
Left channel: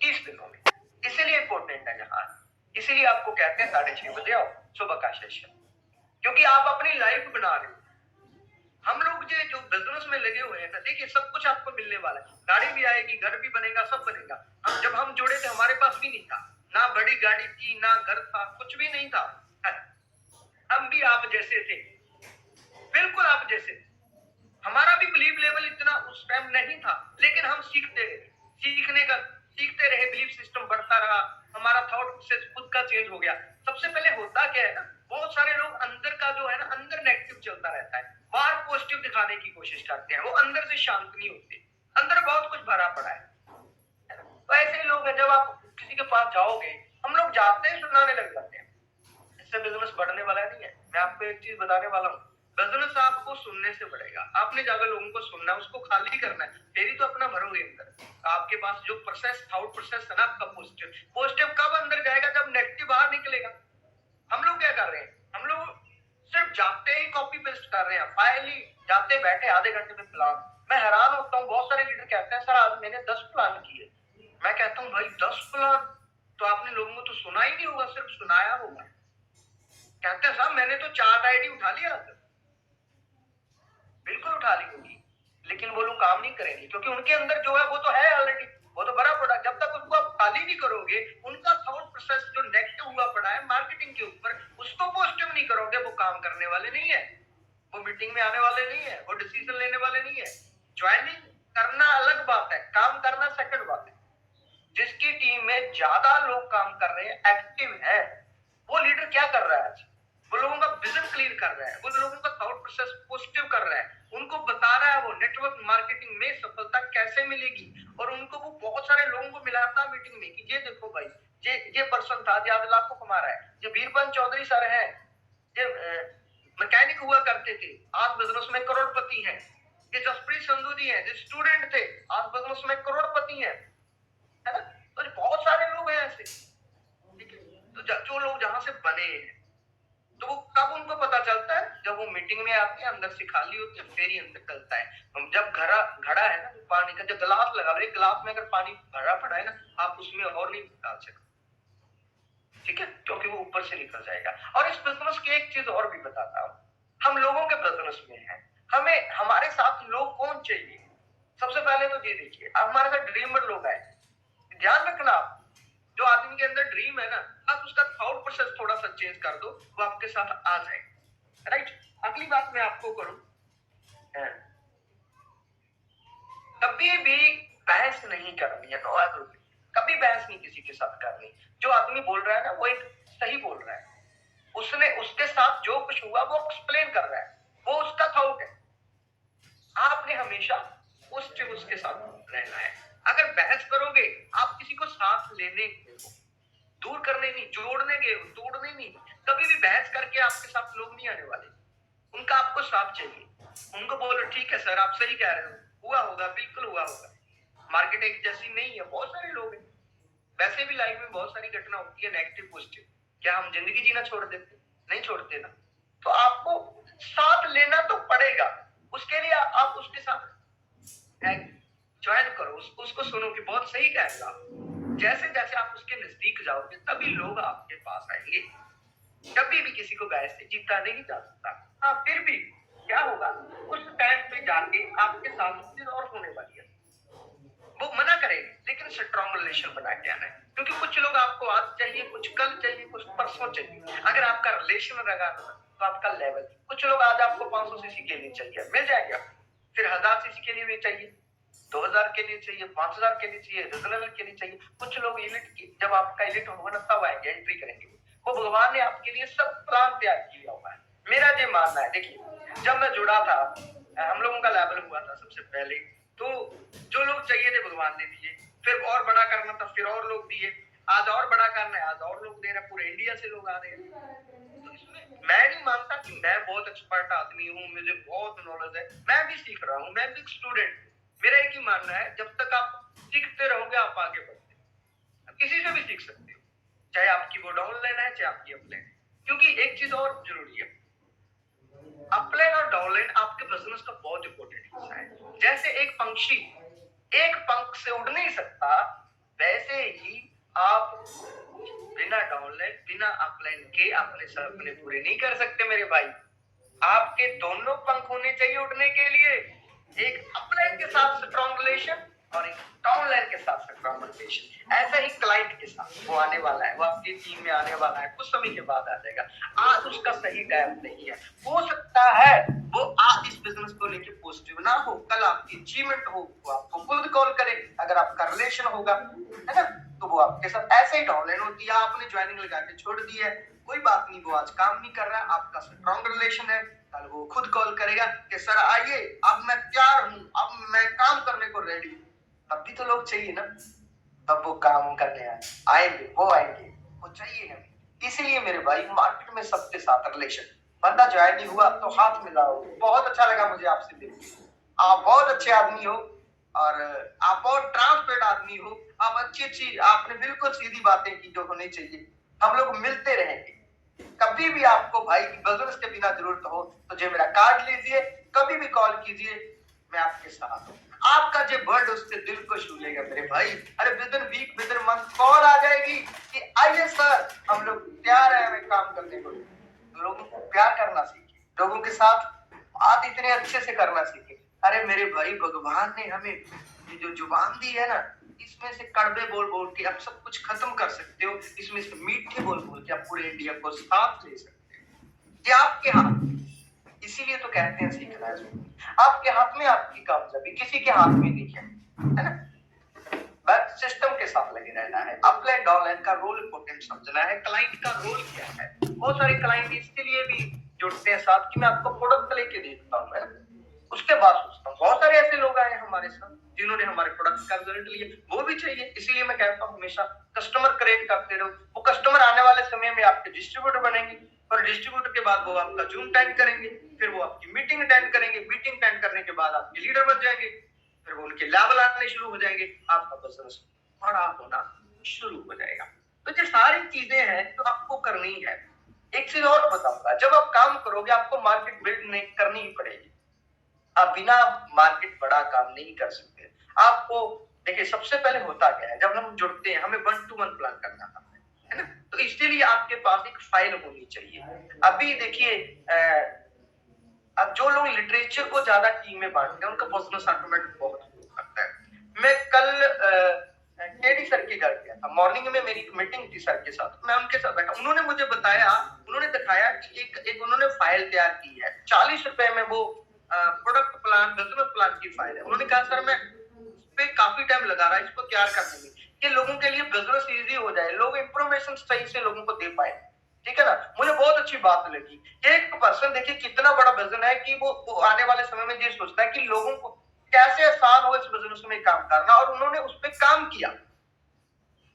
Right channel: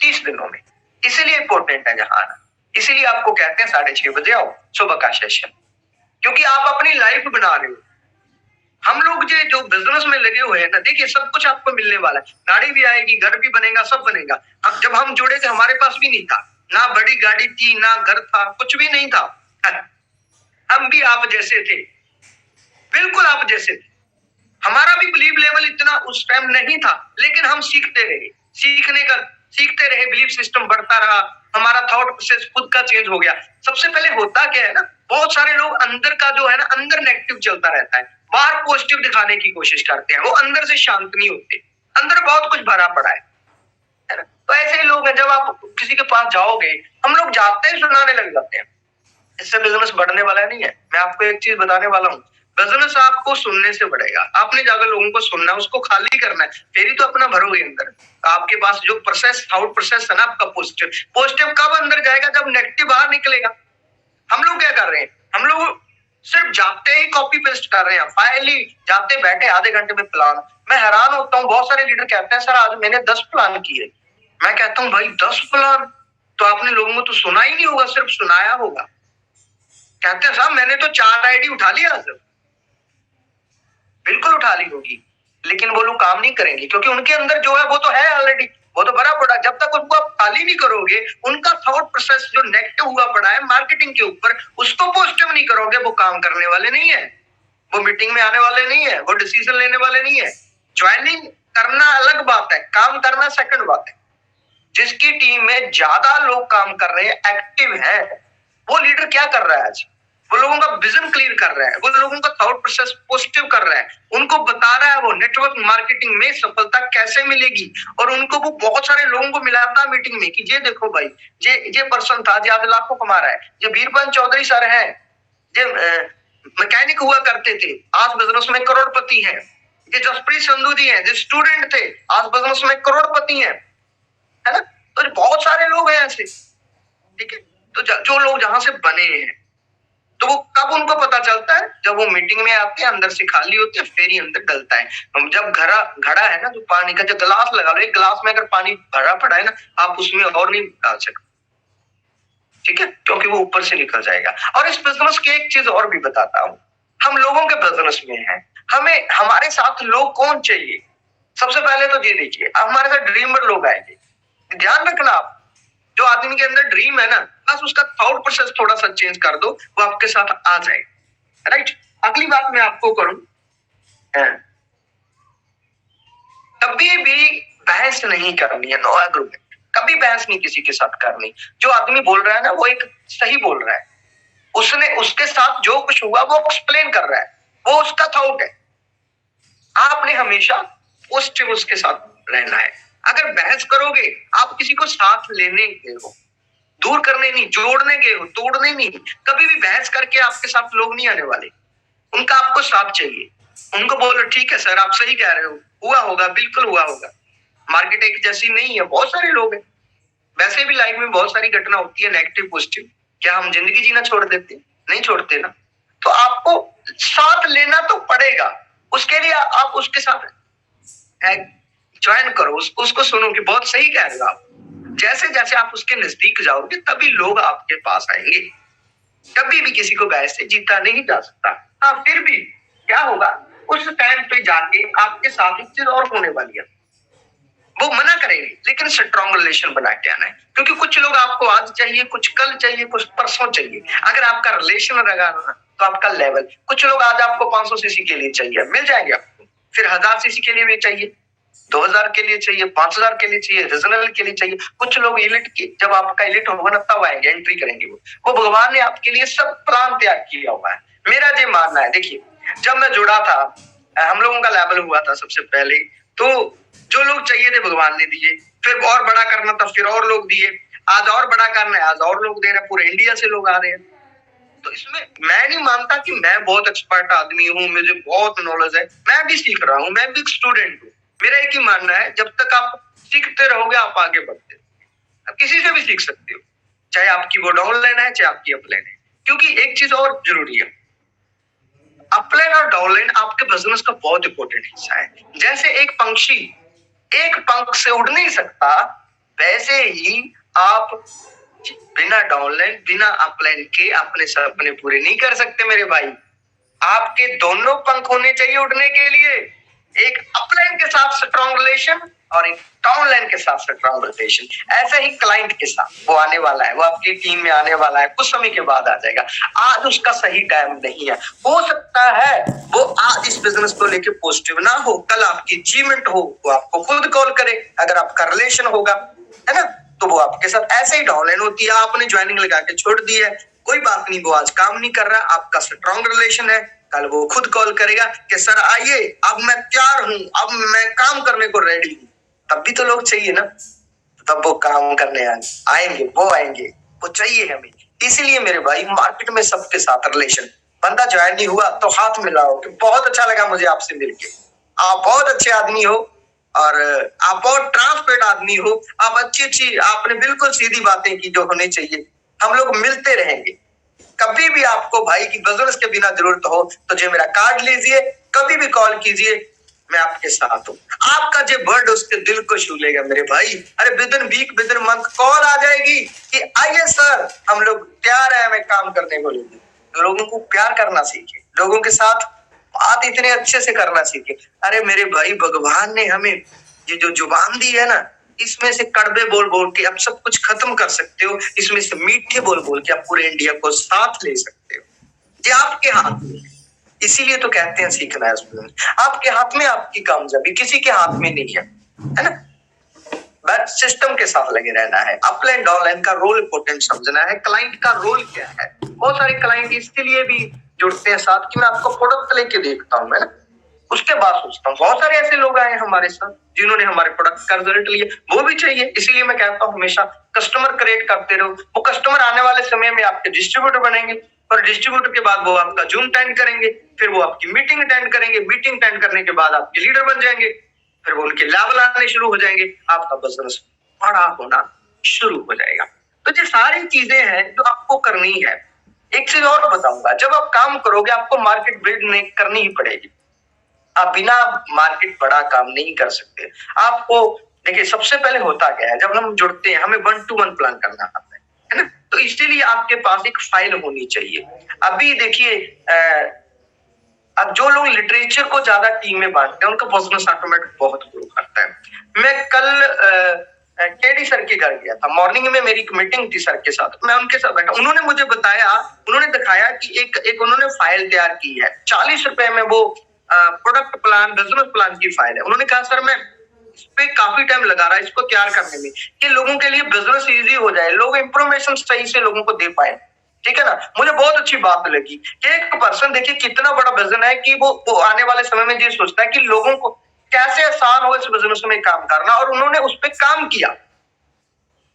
30 दिनों में। इसीलिए इंपॉर्टेंट है जहां आना। इसीलिए आपको कहते हैं 6:30 बजे आओ, सुबह का सेशन, क्योंकि आप अपनी लाइफ बना रहे हो। हम लोग जो बिजनेस में लगे हुए हैं ना, देखिए सब कुछ आपको मिलने वाला है, गाड़ी भी आएगी, घर भी बनेगा, सब बनेगा। अब जब हम जुड़े थे हमारे पास भी नहीं था, ना बड़ी गाड़ी थी, ना घर था, कुछ भी नहीं था। हम भी आप जैसे थे, बिल्कुल आप जैसे थे। हमारा भी बिलीव लेवल इतना उस टाइम नहीं था, लेकिन हम सीखते रहे, सीखते रहे, बिलीव सिस्टम बढ़ता रहा, हमारा थॉट प्रोसेस खुद का चेंज हो गया। सबसे पहले होता क्या है ना, बहुत सारे लोग अंदर का जो है ना, अंदर नेगेटिव चलता रहता है, बाहर पॉजिटिव दिखाने की कोशिश करते हैं, वो अंदर से शांत नहीं होते, अंदर बहुत कुछ भरा पड़ा है ना। तो ऐसे ही लोग हैं, जब आप किसी के पास जाओगे, हम लोग जाते ही सुनाने लग जाते हैं, इससे बिजनेस बढ़ने वाला नहीं है। मैं आपको एक चीज बताने वाला हूँ, बिजनेस आपको सुनने से बढ़ेगा। आपने जाकर लोगों को सुनना है, उसको खाली करना है, फिर ही तो अपना भरोगे अंदर। आपके पास जो प्रोसेस, थॉट प्रोसेस है ना आपका, पॉजिटिव कब अंदर जाएगा? जब नेगेटिव बाहर निकलेगा। हम लोग क्या कर रहे हैं? हम लोग सिर्फ जाते ही कॉपी पेस्ट कर रहे हैं, फाइल ही जाते बैठे आधे घंटे में प्लान। मैं हैरान होता हूँ, बहुत सारे लीडर कहते हैं सर आज मैंने 10 प्लान किए। मैं कहता हूँ भाई 10 प्लान तो आपने लोगों को तो सुना ही नहीं होगा, सिर्फ सुनाया होगा। कहते हैं साहब मैंने तो 4 आईडी उठा लिया सर। बिल्कुल उठा ली होगी, लेकिन वो लोग काम नहीं करेंगे, क्योंकि उनके अंदर जो है वो तो है ऑलरेडी, वो तो भरा पड़ा। जब तक उसको आप खाली नहीं करोगे, उनका थॉट प्रोसेस जो नेगेटिव हुआ पड़ा है मार्केटिंग के ऊपर, उसको पॉजिटिव नहीं करोगे, वो काम करने वाले नहीं है, वो मीटिंग में आने वाले नहीं है, वो डिसीजन लेने वाले नहीं है। ज्वाइनिंग करना अलग बात है, काम करना सेकंड बात है। जिसकी टीम में ज्यादा लोग काम कर रहे हैं, एक्टिव है, वो लीडर क्या कर रहा है आज? वो लोगों का विजन क्लियर कर रहा है, वो लोगों का थॉट प्रोसेस पॉजिटिव कर रहा है, उनको बता रहा है वो नेटवर्क मार्केटिंग में सफलता कैसे मिलेगी। और उनको वो बहुत सारे लोगों को मिलाता है मीटिंग में कि ये देखो भाई, ये पर्सन था जो आज लाखों कमा रहा है, ये बीरबल चौधरी सर है, ये मैकेनिक हुआ करते थे, आज बिजनेस में करोड़पति हैं। ये जसप्रीत संधू जी हैं, जो स्टूडेंट थे, आज बिजनेस में करोड़पति हैं, है ना। तो बहुत सारे लोग हैं ऐसे, ठीक है। तो जो लोग जहां से बने हैं, तो वो कब उनको पता चलता है, जब वो मीटिंग में आते हैं, अंदर से खाली होते हैं, फिर ही अंदर डलता है। हम जब घड़ा है ना, जो पानी का जो गिलास लगा लो, एक गिलास में अगर पानी भरा पड़ा है ना, आप उसमें और नहीं डाल सकते, ठीक है, क्योंकि वो ऊपर से निकल जाएगा। और इस बिजनेस की एक चीज और भी बताता हूँ, हम लोगों के बिजनेस में है, हमें हमारे साथ लोग कौन चाहिए। सबसे पहले तो ये देखिए, हमारे साथ ड्रीमर लोग आएंगे, ध्यान रखना आप, जो आदमी के अंदर ड्रीम है ना, बस उसका थॉट प्रोसेस थोड़ा सा चेंज कर दो, वो आपके साथ आ जाएगा, राइट। अगली बात मैं आपको करूं, कभी भी बहस नहीं करनी है, नो एग्रीमेंट, कभी बहस नहीं किसी के साथ करनी। जो आदमी बोल रहा है ना, वो एक सही बोल रहा है, उसने उसके साथ जो कुछ हुआ वो एक्सप्लेन कर रहा है, वो उसका थॉट है। आपने हमेशा पॉजिटिव उसके साथ रहना है। अगर बहस करोगे, आप किसी को साथ लेने गए हो, दूर करने नहीं, जोड़ने गए हो, तोड़ने नहीं। कभी भी बहस करके आपके साथ लोग नहीं आने वाले, उनका आपको साथ चाहिए। उनको बोलो ठीक है सर, आप सही कह रहे हो, हुआ होगा, बिल्कुल हुआ होगा। मार्केट एक जैसी नहीं है, बहुत सारे लोग हैं। वैसे भी लाइफ में बहुत सारी घटना होती है, नेगेटिव पॉजिटिव। क्या हम जिंदगी जीना छोड़ देते? नहीं छोड़ते ना। तो आपको साथ लेना तो पड़ेगा, उसके लिए आप उसके साथ ज्वाइन करो, उसको सुनो कि बहुत सही कह रहे हो आप। जैसे जैसे आप उसके नजदीक जाओगे, तभी लोग आपके पास आएंगे। कभी भी किसी को बहस से जीता नहीं जा सकता। हाँ, फिर भी क्या होगा, उस टाइम पे जाके आपके साथ एक चीज और होने वाली है, वो मना करेंगे, लेकिन स्ट्रॉन्ग रिलेशन बना के आना है। क्योंकि कुछ लोग आपको आज चाहिए, कुछ कल चाहिए, कुछ परसों चाहिए। अगर आपका रिलेशन रहेगा ना, तो आपका लेवल, कुछ लोग आज आपको 500 सीसी के लिए चाहिए, मिल जाएंगे आपको, फिर 1000 सीसी के लिए भी चाहिए, 2000 के लिए चाहिए, 5000 के लिए चाहिए, रीजनल के लिए चाहिए। कुछ लोग इलिट की, जब आपका इलिट होगा ना, तब आएंगे, एंट्री करेंगे। वो भगवान ने आपके लिए सब प्लान तैयार किया हुआ है। मेरा ये मानना है, देखिए, जब मैं जुड़ा था, हम लोगों का लेवल हुआ था सबसे पहले, तो जो लोग चाहिए थे भगवान ने दिए, फिर और बड़ा करना था, फिर और लोग दिए, आज और बड़ा करना है, आज और लोग दे रहे हैं, पूरे इंडिया से लोग आ रहे हैं। तो इसमें मैं नहीं मानता कि मैं बहुत एक्सपर्ट आदमी हूँ, मुझे बहुत नॉलेज है। मैं भी सीख रहा हूँ, मैं भी स्टूडेंट हूँ। मेरा एक ही मानना है, जब तक आप सीखते रहोगे, आप आगे बढ़ते रहोगे। आप किसी से भी सीख सकते हो, चाहे आपकी वो डाउनलाइन है, चाहे आपकी अपलाइन है। क्योंकि एक चीज और जरूरी है, अपलाइन और डाउनलाइन आपके बिजनेस का बहुत इंपॉर्टेंट हिस्सा है। जैसे एक पंछी एक पंख से उड़ नहीं सकता, वैसे ही आप बिना डाउनलाइन, बिना अपलाइन के अपने सपने पूरे नहीं कर सकते मेरे भाई। आपके दोनों पंख होने चाहिए उड़ने के लिए, एक अपलाइन के साथ स्ट्रॉन्ग रिलेशन और एक डाउनलाइन के साथ स्ट्रॉन्ग रिलेशन। ऐसे ही क्लाइंट के साथ वो आने वाला है, वो आपकी टीम में आने वाला है, कुछ समय के बाद आ जाएगा। आज उसका सही टाइम नहीं है। हो सकता है वो आज इस बिजनेस को लेके पॉजिटिव ना हो, कल आपकी अचीवमेंट हो, वो आपको खुद कॉल करे, अगर आपका रिलेशन होगा, है ना, तो वो आपके साथ ऐसे ही डाउनलाइन होती है। आपने ज्वाइनिंग लगा के छोड़ दी है, कोई बात नहीं, वो आज काम नहीं कर रहा, आपका स्ट्रॉन्ग रिलेशन है, कल वो खुद कॉल करेगा कि सर आइए, अब मैं तैयार हूं, अब मैं काम करने को रेडी हूं। तब भी तो लोग चाहिए ना, तब वो काम करने आएंगे, वो आएंगे, वो चाहिए हमें। इसीलिए मेरे भाई, मार्केट में सबके साथ रिलेशन। बंदा ज्वाइन नहीं हुआ तो हाथ मिलाओ कि बहुत अच्छा लगा मुझे आपसे मिलके, आप बहुत अच्छे आदमी हो, और आप बहुत ट्रांसपेरेंट आदमी हो, आप अच्छी आपने बिल्कुल सीधी बातें की जो होनी चाहिए। हम लोग मिलते रहेंगे। कभी भी आपको भाई की बिजनेस के बिना जरूरत हो तो जो मेरा कार्ड लीजिए, कभी भी कॉल कीजिए, मैं आपके साथ हूँ। आपका जो वर्ड उसके दिल को छू लेगा मेरे भाई। अरे within week, within month call आ जाएगी कि आइए सर, हम लोग तैयार है हमें काम करने को लेकर। तो लोगों को प्यार करना सीखे, लोगों के साथ बात इतने अच्छे से करना सीखे। अरे मेरे भाई, भगवान ने हमें ये जो जुबान दी है ना, इसमें से कड़वे बोल बोल के आप सब कुछ खत्म कर सकते हो, इसमें से मीठे बोल बोल के आप पूरे इंडिया को साथ ले सकते हो। ये आपके हाथ में है। इसीलिए तो कहते हैं सीखना है उसमें। आपके हाथ में आपकी कामयाबी, किसी के हाथ में नहीं है ना। बस सिस्टम के साथ लगे रहना है। अपलाइन डाउनलाइन का रोल इंपोर्टेंट समझना है, क्लाइंट का रोल क्या है, बहुत सारे क्लाइंट इसके लिए भी जुड़ते हैं साथ कि मैं आपको प्रोडक्ट लेके देखता हूँ, है ना, उसके बाद सोचता हूँ। बहुत सारे ऐसे लोग आए हमारे साथ जिन्होंने हमारे प्रोडक्ट का रिजल्ट लिया, वो भी चाहिए। इसीलिए मैं कहता हूँ हमेशा कस्टमर क्रिएट करते रहो। वो कस्टमर आने वाले समय में आपके डिस्ट्रीब्यूटर बनेंगे और डिस्ट्रीब्यूटर के बाद वो आपका जूम अटेंड करेंगे, फिर वो आपकी मीटिंग अटेंड करेंगे, मीटिंग अटेंड करने के बाद आपके लीडर बन जाएंगे, फिर वो उनके लेवल आने शुरू हो जाएंगे, आपका बिजनेस बड़ा होना शुरू हो जाएगा। तो ये सारी चीजें हैं जो आपको करनी है। एक चीज और बताऊंगा, जब आप काम करोगे आपको मार्केट बिल्ड करनी ही पड़ेगी। आप बिना मार्केट बड़ा काम नहीं कर सकते। आपको देखिए सबसे पहले होता क्या है, जब हम जुड़ते हैं हमें 1-to-1 प्लान करना आता है ना, तो इसीलिए आपके पास एक फाइल होनी चाहिए। अभी देखिए अब जो लोग लिटरेचर को ज्यादा टीम में बांटते हैं उनका बिजनेस ऑटोमेटिक बहुत ग्रो करता है। मैं कल केडी सर के घर गया था, मॉर्निंग में मेरी एक मीटिंग थी सर के साथ, मैं उनके साथ बैठा, उन्होंने मुझे बताया, उन्होंने दिखाया कि एक उन्होंने फाइल तैयार की है, 40 रुपए में वो प्रोडक्ट प्लान, बिजनेस प्लान की फाइल है। उन्होंने कहा सर मैं इस पे काफी टाइम लगा रहा है इसको तैयार करने में कि लोगों के लिए बिजनेस इजी हो जाए, लोग इंफॉर्मेशन सही से लोगों को दे पाए, ठीक है ना। मुझे बहुत अच्छी बात लगी कि एक पर्सन देखिए कितना बड़ा विजन है कि वो आने वाले समय में ये सोचता है कि लोगों को कैसे आसान हो इस बिजनेस में काम करना, और उन्होंने उस पर काम किया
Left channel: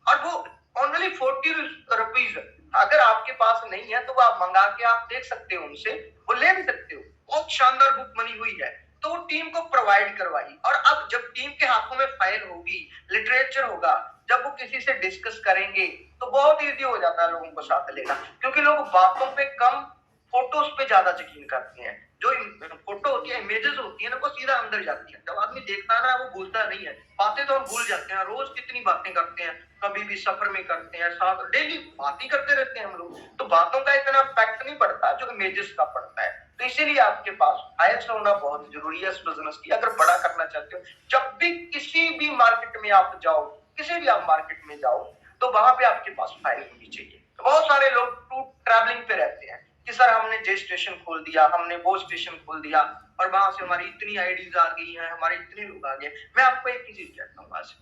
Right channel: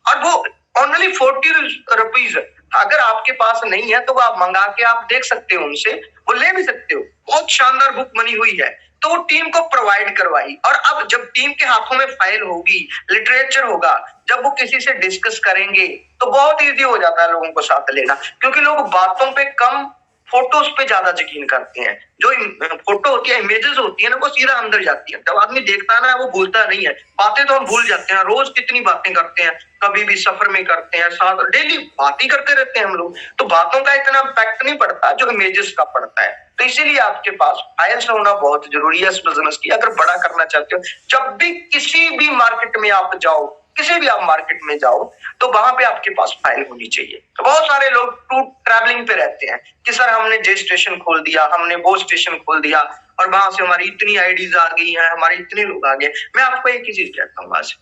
और वो ओनली 40 रुपीज। अगर आपके पास नहीं है तो आप मंगा के आप देख सकते हो उनसे, वो ले भी सकते हो। बहुत शानदार बुक बनी हुई है, तो वो टीम को प्रोवाइड करवाई। और अब जब टीम के हाथों में फाइल होगी, लिटरेचर होगा, जब वो किसी से डिस्कस करेंगे तो बहुत इजी हो जाता है लोगों को साथ लेना, क्योंकि लोग बातों पे कम फोटोज पे ज्यादा यकीन करते हैं। जो फोटो होती है, इमेजेस होती है ना, वो सीधा अंदर जाती है। जब आदमी देखता है ना वो भूलता नहीं है, बातें तो हम भूल जाते हैं। रोज कितनी बातें करते हैं, कभी भी सफर में करते हैं, साथ डेली बात ही करते रहते हैं हम लोग, तो बातों का इतना इम्पैक्ट नहीं पड़ता जो इमेजेस का पड़ता है। तो इसीलिए आपके पास फाइल्स होना बहुत जरूरी है इस बिजनेस की, अगर बड़ा करना चाहते हो। जब भी किसी भी मार्केट में आप जाओ, किसी भी आप मार्केट में जाओ, तो वहां पे आपके पास फाइल होनी चाहिए। तो बहुत सारे लोग टू ट्रैवलिंग पे रहते हैं कि सर हमने जे स्टेशन खोल दिया, हमने वो स्टेशन खोल दिया, और वहां से हमारी इतनी आईडीज आ गई हैं, हमारे इतने लोग आ गए। मैं आपको एक ही चीज कहता हूँ, आज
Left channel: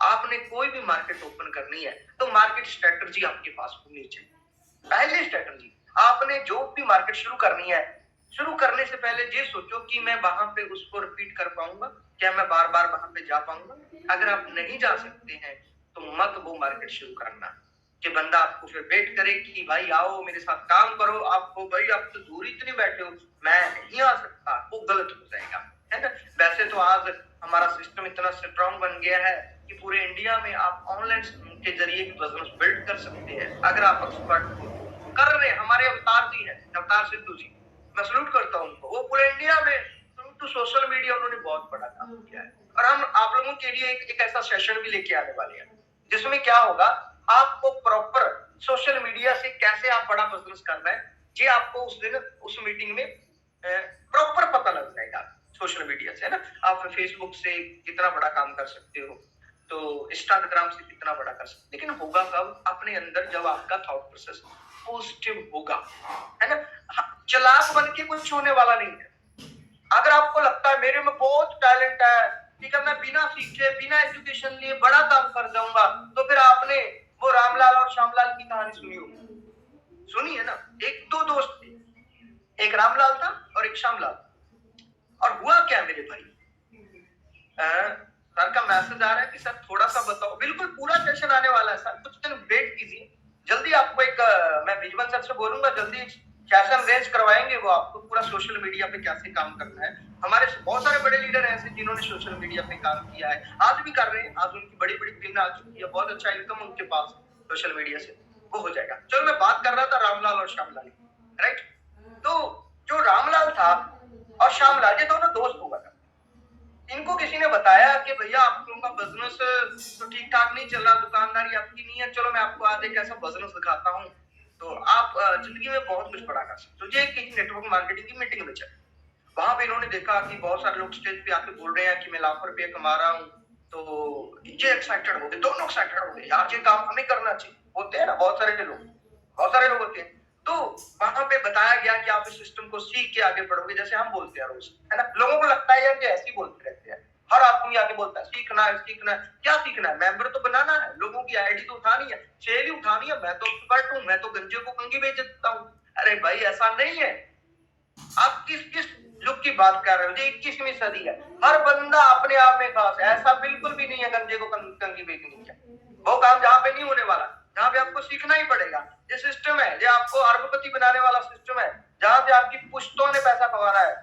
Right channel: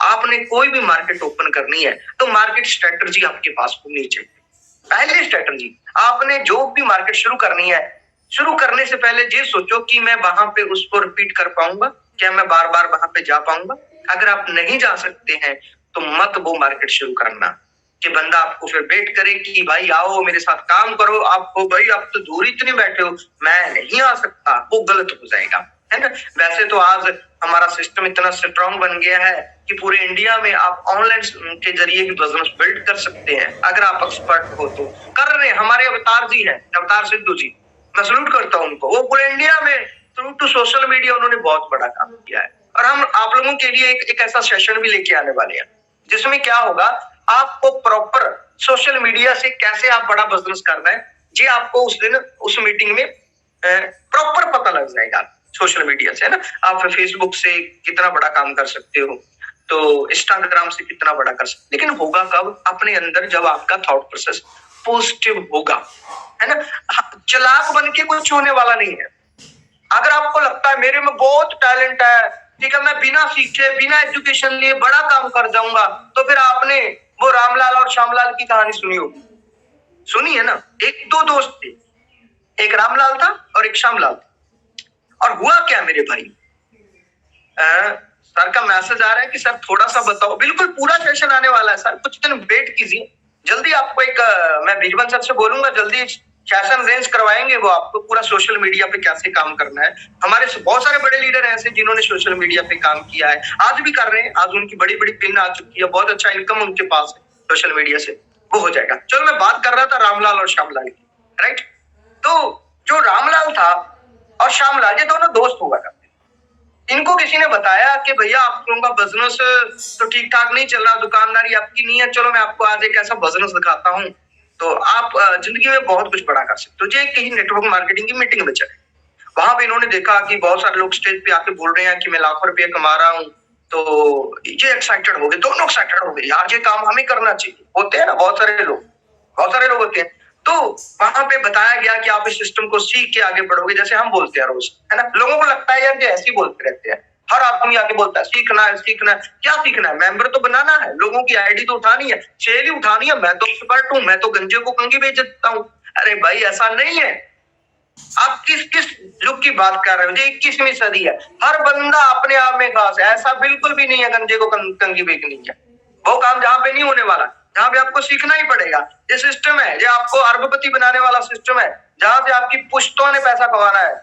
आपने कोई भी मार्केट ओपन करनी है तो मार्केट स्ट्रेटजी आपके पास होनी चाहिए। पहली स्ट्रेटजी, आपने जो भी मार्केट शुरू करनी है, शुरू करने से पहले ये सोचो कि मैं वहां पे उसको रिपीट कर पाऊंगा, क्या मैं बार बार वहां पे जा पाऊंगा। अगर आप नहीं जा सकते हैं तो मत वो मार्केट शुरू करना कि बंदा आपको फिर वेट करे कि भाई आओ मेरे साथ काम करो, आपको भाई आप तो दूर इतने बैठे हो, मैं नहीं आ सकता, वो गलत हो जाएगा, है ना। वैसे तो आज हमारा सिस्टम इतना स्ट्रॉन्ग बन गया है कि पूरे इंडिया में आप ऑनलाइन के जरिए भी बिजनेस बिल्ड कर सकते हैं, अगर आप एक्सपर्ट हो तो। कर रहे हमारे अवतार जी हैं, अवतार सिद्धू जी, मैं सल्यूट करता हूं उनको। वो पूरे इंडिया में थ्रू टू सोशल मीडिया उन्होंने बहुत बड़ा काम किया है। और हम आप लोगों के लिए एक ऐसा सेशन भी लेके आने वाले हैं जिसमें क्या होगा, आपको प्रॉपर सोशल मीडिया से कैसे आप बड़ा बिजनेस करना है, ये आपको उस दिन उस मीटिंग में प्रॉपर पता लग जाएगा। सोशल मीडिया से, है ना, आप फेसबुक से कितना बड़ा काम कर सकते हो, तो इंस्टाग्राम से कितना बड़ा कर सकते, लेकिन होगा कब, अपने अंदर जब आपका थॉट प्रोसेस पॉजिटिव होगा, है ना। चालाक बन के कुछ होने वाला नहीं है। अगर आपको लगता है मेरे में बहुत टैलेंट है, ठीक है, मैं बिना सीखे बिना एजुकेशन लिए बड़ा काम कर जाऊंगा, तो फिर आपने वो रामलाल और श्यामलाल की कहानी सुनी होगी, सुनी है ना। एक दो दोस्त थे, एक रामलाल था और एक श्यामलाल था। और हुआ क्या मेरे भाई, सर का मैसेज आ रहा है कि सर थोड़ा सा बताओ। बिल्कुल पूरा सेशन आने वाला है सर, कुछ दिन वेट कीजिए, जल्दी आपको एक मैं बीजवन सर से बोलूंगा, जल्दी सेशन अरेंज करवाएंगे, वो आपको पूरा सोशल मीडिया पे कैसे काम करना है। हमारे बहुत सारे बड़े लीडर ऐसे जिन्होंने सोशल मीडिया पे काम किया है, आज भी कर रहे हैं, आज उनकी बड़ी बड़ी पिन आ चुकी है, बहुत अच्छा इनकम उनके पास है सोशल मीडिया से, वो हो जाएगा। चलो मैं बात कर रहा था रामलाल और श्यामलाल की, राइट। तो जो रामलाल था और श्यामलाल, ये दोनों दोस्त हुआ करते। इनको किसी ने बताया कि भैया आप लोगों का बिजनेस तो ठीक ठाक नहीं चल रहा, दुकानदारी आपकी नहीं है, चलो मैं आपको आज एक ऐसा बिजनेस दिखाता हूँ तो आप जिंदगी में बहुत कुछ बड़ा कर सकते हो। ये कहीं नेटवर्क मार्केटिंग की मीटिंग में चले, वहां पे इन्होंने देखा कि बहुत सारे लोग स्टेज पे आके बोल रहे हैं कि मैं लाखों रुपये कमा रहा हूँ, तो ये एक्साइटेड हो गए, दोनों एक्साइटेड हो गए, यार ये काम हमें करना चाहिए। होते हैं ना बहुत सारे लोग होते हैं। तो वहां पे बताया गया कि आप इस सिस्टम को सीख के आगे बढ़ोगे, जैसे हम बोलते हैं रोज, है ना। लोगों को लगता है यार ये ऐसे ही बोलते रहते हैं, हर आदमी आके बोलता है सीखना है सीखना है। क्या सीखना है? मेंबर तो बनाना है, लोगों की आईडी तो उठानी है, सेल ही उठानी है। मैं तो एक्सपर्ट हूँ, मैं तो गंजे को कंगी बेच देता हूँ। अरे भाई ऐसा नहीं है। आप किस किस युग की बात कर रहे हो? 21वीं सदी है, हर बंदा अपने आप में खास है। ऐसा बिल्कुल भी नहीं है गंजे को कंगी बेचनी है। वो काम जहाँ पे नहीं होने वाला, जहाँ पे आपको सीखना ही पड़ेगा। ये सिस्टम है, ये आपको अरबपति बनाने वाला सिस्टम है, जहाँ से आपकी पुश्तों ने पैसा कमाना है।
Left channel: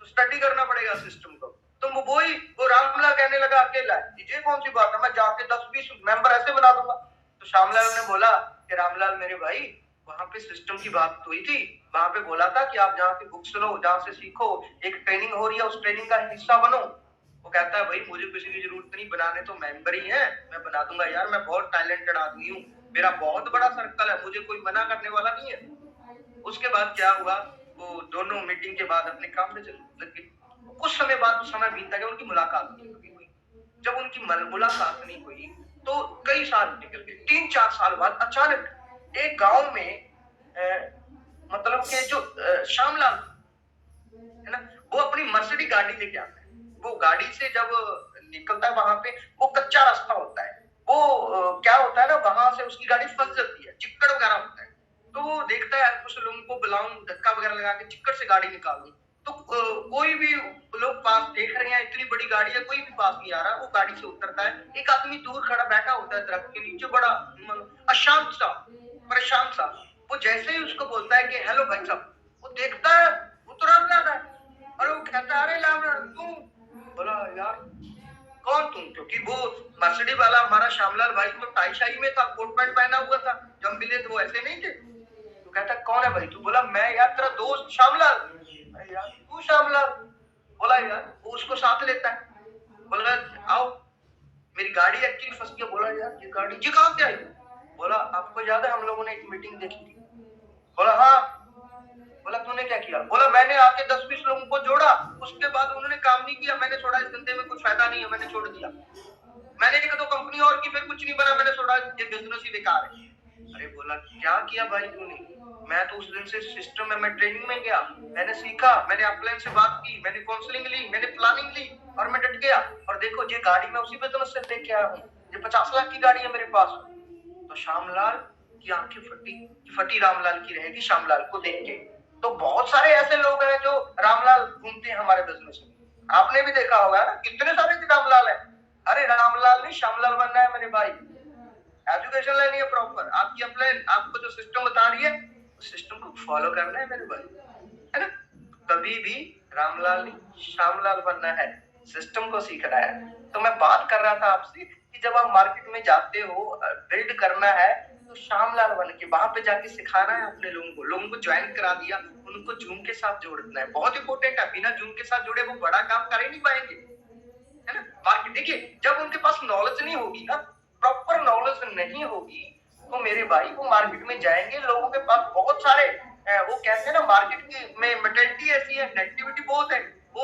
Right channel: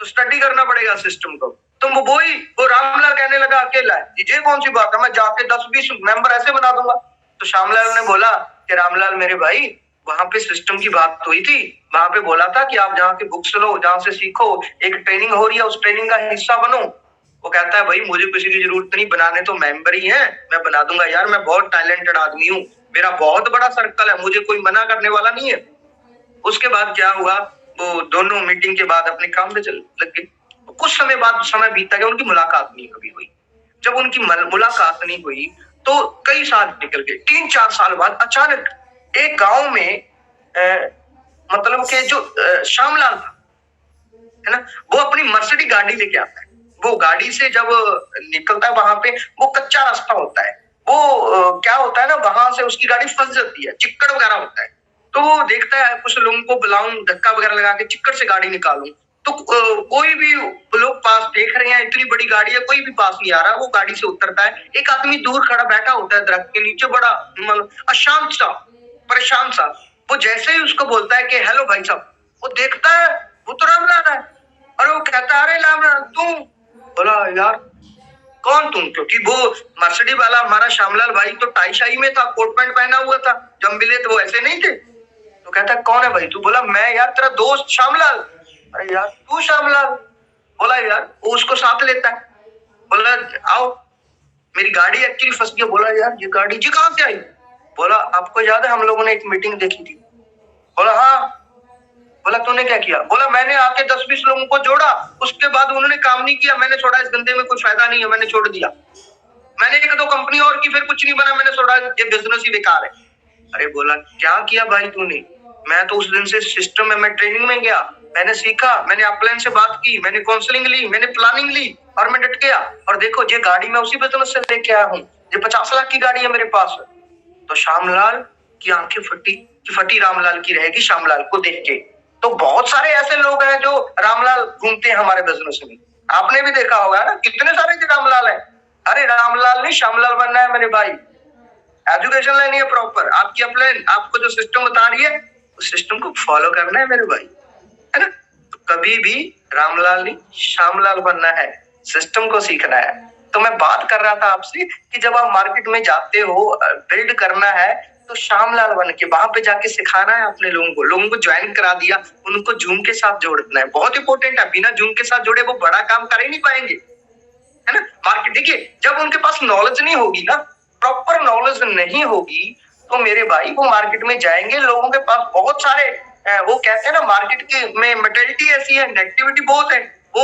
तो स्टडी करना पड़ेगा सिस्टम को। तो वो रामलाल कहने लगा अकेला है, ये कौन सी बात है, मैं जाके 10-20 मेंबर ऐसे बना दूंगा। तो श्यामलाल ने बोला कि रामलाल मेरे भाई, वहां पे सिस्टम की बात हुई थी, वहां पे बोला था कि आप जहाँ के बुक्स लो, जहाँ से सीखो, एक ट्रेनिंग हो रही है, उस ट्रेनिंग का हिस्सा बनो। वो कहता है भाई मुझे किसी की जरूरत नहीं, बनाने तो मेंबर ही है, मैं बना दूंगा यार, मैं बहुत टैलेंटेड आदमी हूँ, मेरा बहुत बड़ा सर्कल है, मुझे कोई मना करने वाला नहीं है। उसके बाद क्या हुआ, वो दोनों मीटिंग के बाद अपने काम पे चल लग गए। कुछ समय बाद समय बीता गया, उनकी मुलाकात नहीं कभी हुई। जब उनकी मुलाकात नहीं हुई तो कई साल निकल गए। 3-4 साल बाद अचानक एक गांव में मतलब के जो श्यामलाल था है ना, वो अपनी मर्सिडीज गाड़ी लेके आता है। वो गाड़ी से जब निकलता है, वहां पे वो कच्चा रास्ता होता है, वो क्या होता है ना, वहां से उसकी गाड़ी फंस जाती है, चिक्कड़ वगैरह होता है। तो वो देखता है कुछ लोगों को बुलाऊं, धक्का वगैरह लगा के चिक्कड़ से गाड़ी निकालूं। तो कोई भी लोग पास देख रहे हैं, इतनी बड़ी गाड़ी है, कोई भी पास नहीं आ रहा। वो गाड़ी से उतरता है, एक आदमी दूर खड़ा बैठा होता है दरख्त के नीचे, बड़ा मतलब अशांत सा, परेशान सा। वो जैसे ही उसको बोलता है कि हेलो भाई साहब, वो देखता है वो तो रामलाल है। और वो कहता है अरे रामलाल तुम। बोला यार कौन तुम? क्योंकि वो मर्सिडीज वाला हमारा श्यामलाल भाई तो टाई शाई में था, कोट पैंट पहना हुआ था, जब मिले तो वो ऐसे नहीं थे। तो कहता है कौन है भाई? तू? बोला मैं यार तेरा दोस्त श्यामलाल। अरे यार तू श्यामलाल? बोला यार। वो उसको साथ लेता है, बोला आओ मेरी गाड़ी एक्चुअली फंस गई। बोला यार ये गाड़ी जी कहां से आई? बोला आपको याद है हम लोगों ने एक मीटिंग देखी थी? बोला हाँ। बोला तूने क्या किया? बोला मैंने आके 10-20 लोगों को जोड़ा, उसके बाद उन्होंने काम नहीं किया, मैंने छोड़ा, इस धंधे में कुछ फायदा नहीं है, मैंने छोड़ दिया। मैंने 1-2 कंपनी और की, फिर कुछ नहीं बना, मैंने छोड़ा, ये बिजनेस ही बेकार है। अरे बोला क्या किया भाई तूने? मैं तो उस दिन से सिस्टम में, मैं ट्रेनिंग में गया, मैंने सीखा, मैंने अपलाइन से बात की, मैंने काउंसलिंग ली, मैंने प्लानिंग ली, और मैं डट गया। और देखो ये गाड़ी मैं उसी बिजनेस से लेके आया हूँ, ये 50 लाख की गाड़ी है मेरे पास। तो श्यामलाल की आंखें फटी रामलाल की रहेगी श्यामलाल को देख के। तो बहुत सारे ऐसे लोग हैं जो रामलाल घूमते हैं हमारे बिजनेस में। आपने भी देखा होगा ना, कितने सारे रामलाल हैं। अरे रामलाल नहीं, श्यामलाल बनना है मेरे भाई। एजुकेशन लेनी है प्रॉपर, आपकी अपलाइन आपको जो सिस्टम बता रही है, उस सिस्टम को फॉलो करना है मेरे भाई, है ना। तो कभी भी रामलाल नहीं, श्यामलाल बनना है, सिस्टम को सीखना है। तो मैं बात कर रहा था आपसे कि जब आप मार्केट में जाते हो, बिल्ड करना है, तो श्यामलाल बन के वहां पे जाके सिखाना है अपने लोगों को ज्वाइन करा दिया, उनको जूम के साथ जोड़ना है। बहुत इंपॉर्टेंट है, बिना जूम के साथ जोड़े वो बड़ा काम कर ही नहीं पाएंगे, है ना। मार्केट देखिए, जब उनके पास नॉलेज नहीं होगी ना, प्रॉपर नॉलेज नहीं होगी, तो मेरे भाई वो मार्केट में जाएंगे, लोगों के पास बहुत सारे वो कहते हैं ना, मार्केट के में मेंटालिटी ऐसी है, नेगेटिविटी बहुत है। वो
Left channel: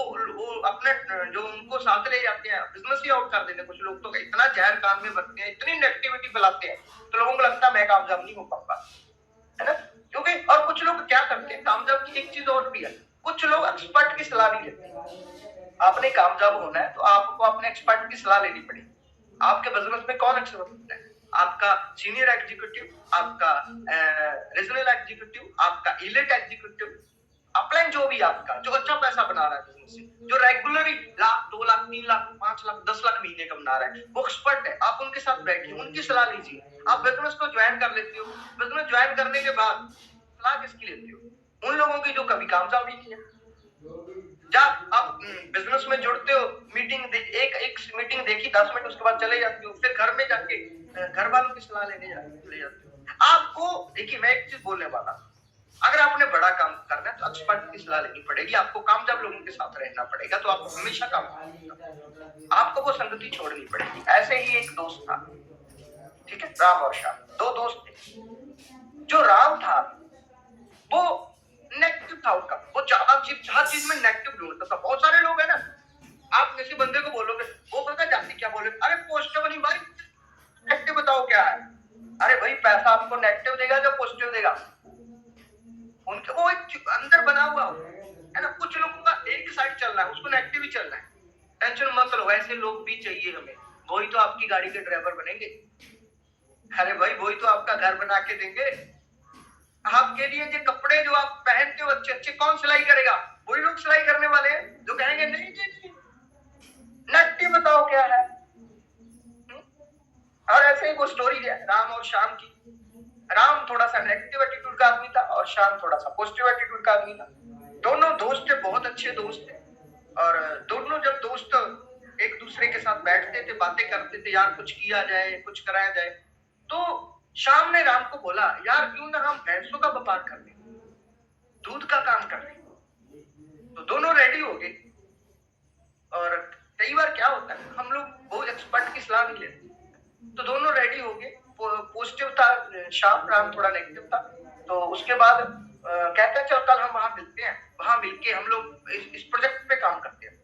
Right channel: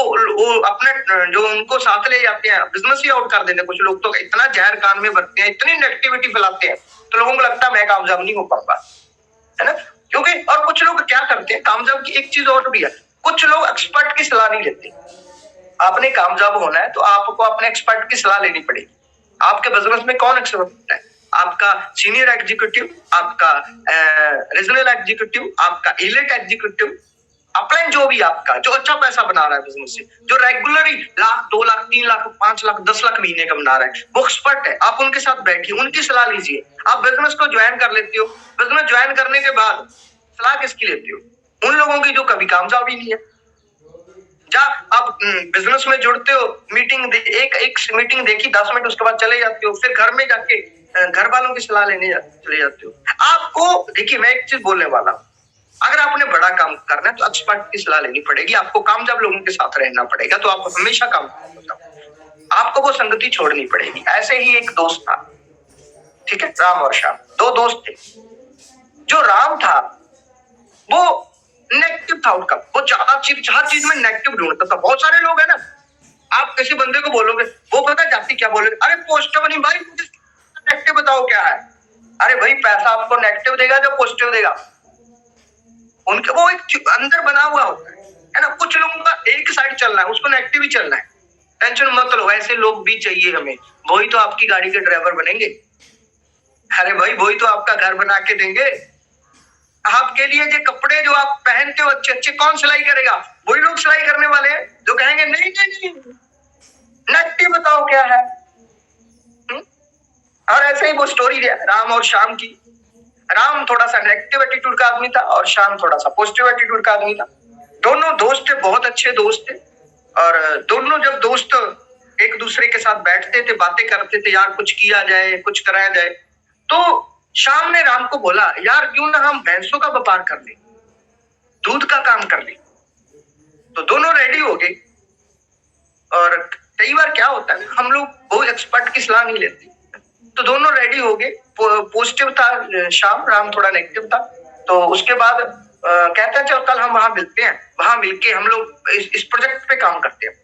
अपने जो उनको साथ ले जाते हैं, बिजनेस ही आउट कर देते हैं। कुछ लोग तो इतना जहर कान में भरते हैं, इतनी नेगेटिविटी फैलाते हैं, तो लोगों को लगता है मैं कामयाब नहीं हो पाऊंगा, है ना। क्योंकि और कुछ लोग क्या करते हैं, कामयाब की एक चीज और भी है, कुछ लोग एक्सपर्ट की सलाह नहीं लेते। आपने कामयाब होना है तो आपको अपने एक्सपर्ट की सलाह लेनी पड़ेगी। आपके बिजनेस में कौन एक्सपर्ट है? आपका सीनियर एग्जीक्यूटिव, आपका रीजनल एग्जीक्यूटिव, आपका इलीट एग्जीक्यूटिव, अपलाइन जो भी आपका, जो अच्छा पैसा बना रहा है बिजनेस से, जो रेगुलरली 1,00,000, 2,00,000, 3,00,000, 5,00,000, 10,00,000 महीने का बना रहा है, वो एक्सपर्ट है। आप उनके साथ बैठिए, उनकी सलाह लीजिए। आप बिजनेस को ज्वाइन कर लेते हो, बिजनेस ज्वाइन करने के बाद सलाह किसकी लेते हो? उन लोगों की जो कभी कामयाब ही नहीं है। जब आप बिजनेस में जुड़ते हो, एक मीटिंग देखी 10 मिनट, उसके बाद चले जाते हो, फिर घर में जाके घर वालों की सलाह लेने चले जाते हो। आपको देखिए, मैं एक चीज बोलने वाला हूँ, अगर आपने बड़ा काम करना है तो एक्सपर्ट की सलाह लेनी पड़ेगी, आपको कामयाब लोगों के साथ रहना पड़ेगा, तो आप हमेशा कामयाब। आपको वो संगति छोड़नी पड़ेगी। ऐसे ही एक दोस्त था, ठीक है, राम और श्याम, 2 दोस्त थे। जो राम था वो नेगेटिव था, उनका वो ज्यादा हर चीज में नेगेटिव ढूंढता था। बहुत सारे लोग है ना, आप किसी बंदे को बोलोगे, वो पता जाती क्या बोलेगा, अरे पॉजिटिव नहीं भाई, मुझे नेगेटिव बताओ क्या है। अरे भाई पैसा आपको नेगेटिव देगा जो पॉजिटिव देगा, उनके वो एक अंदर बना हुआ होता है ना। कुछ लोगों का एक साइड चलना है, उसको नेगेटिव ही चलना है। टेंशन मत लो, ऐसे लोग भी चाहिए हमें, वही तो आपकी गाड़ी के ड्राइवर बनेंगे। अरे भाई वही तो आपका घर बना के देंगे। आपके लिए जो कपड़े जो आप पहनते हो अच्छे अच्छे, कौन सिलाई करेगा? वही लोग सिलाई करने वाले हैं जो कहेंगे नहीं नहीं नहीं, नेगेटिव बताओ क्या है। और ऐसे ही वो स्टोरी है राम और श्याम की। राम थोड़ा सा नेगेटिव एटीट्यूड का आदमी था और श्याम थोड़ा सा पॉजिटिव एटीट्यूड का आदमी था। दोनों दोस्त थे, बहुत अच्छे दोस्त थे। और दोनों जब दोस्त एक दूसरे के साथ बैठते थे, बातें करते थे, यार कुछ किया जाए, कुछ कराया जाए, तो श्याम ने राम को बोला, यार क्यों ना हम भैंसों का व्यापार कर ले, दूध का काम कर ले। तो दोनों रेडी हो गए। और कई बार क्या होता है, हम लोग बहुत एक्सपर्ट की सलाह नहीं लेते, तो दोनों रेडी हो गए। पॉजिटिव था श्याम, राम थोड़ा नेगेटिव था। तो उसके बाद कहते हैं चल कल हम वहां मिलते हैं, वहां मिलके हम लोग इस प्रोजेक्ट पे काम करते हैं।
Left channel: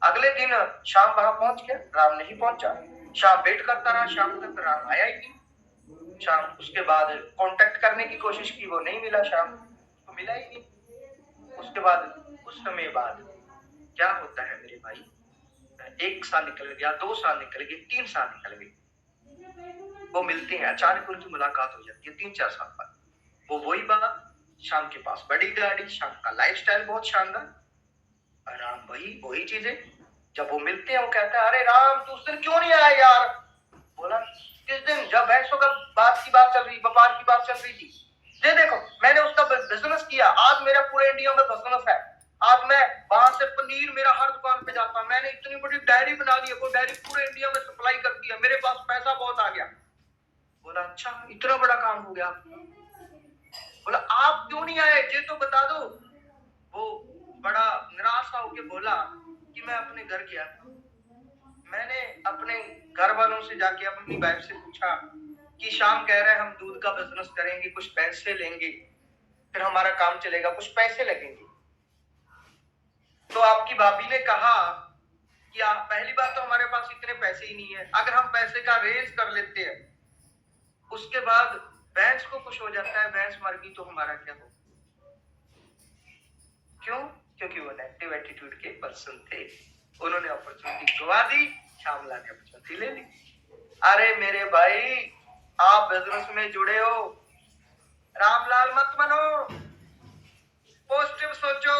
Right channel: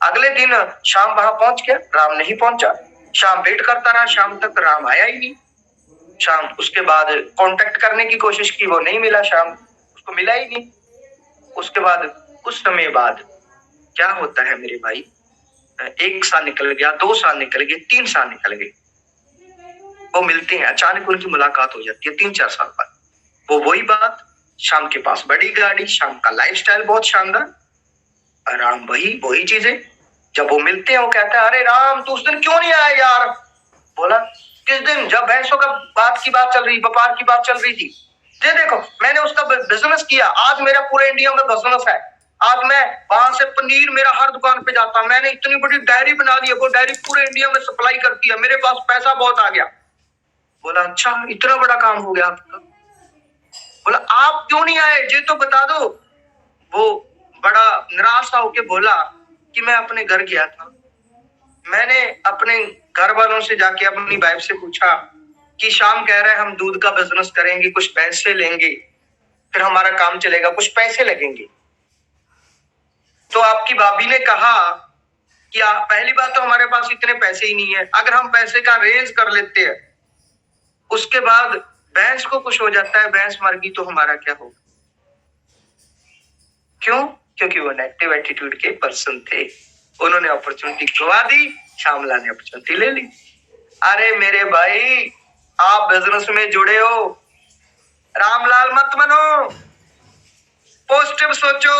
अगले दिन शाम वहां पहुंच गया, राम नहीं पहुंचा। शाम वेट करता रहा, शाम तक राम आया ही नहीं। शाम उसके बाद कांटेक्ट करने की कोशिश की, वो नहीं मिला, शाम उसको मिला ही नहीं। उसके बाद कुछ समय बाद क्या होता है मेरे भाई, 1 साल निकल गया, 2 साल निकल गए, 3 साल निकल गए। वो मिलते हैं, अचानक उनकी मुलाकात हो जाती है 3-4 साल बाद। वो वही बात, शाम के पास बड़ी गाड़ी, शाम का लाइफस्टाइल बहुत शानदार, राम वही चीजें। जब वो मिलते हैं वो कहता है, अरे राम तू उस दिन क्यों नहीं आया यार? बोला किस दिन? जब भैंसों का बात चल रही, व्यापार की बात चल रही थी। ये देखो मैंने उसका बिजनेस किया, आज मेरा पूरे इंडिया में बिजनेस है। आज मैं वहां से पनीर मेरा हर दुकान पे जाता, मैंने इतनी बड़ी डेयरी बना दी है, वो डेयरी पूरे इंडिया में सप्लाई करती है, मेरे पास पैसा बहुत आ गया। बोला अच्छा इतना बड़ा काम हो गया आपका? बोला आप क्यों नहीं आए, ये तो बता दो। वो बड़ा निराश होके बोला कि मैं अपने घर गया था, मैंने अपने घर वालों से जाके अपनी वाइफ से पूछा कि शाम कह रहा है हम दूध का बिजनेस करेंगे, कुछ पैसे लेंगे, फिर हमारा काम चलेगा, कुछ पैसे लगेंगे। तो आपकी भाभी ने कहा कि पहली बात तो हमारे पास इतने पैसे ही नहीं है, अगर हम पैसे का अरेंज कर लेते हैं, उसके बाद भैंस को कुछ हो जाता है, भैंस मर गई तो हमारा क्या होगा? क्यों? क्योंकि वो नेगेटिव एटीट्यूड के पर्सन थे। उन्होंने अपॉर्चुनिटी गवा दी, श्यामला ने अपॉर्चुनिटी ले ली। अरे मेरे भाई आप बिजनेस में जुड़े हो, रामलाल मत बनो, पॉजिटिव सोचो।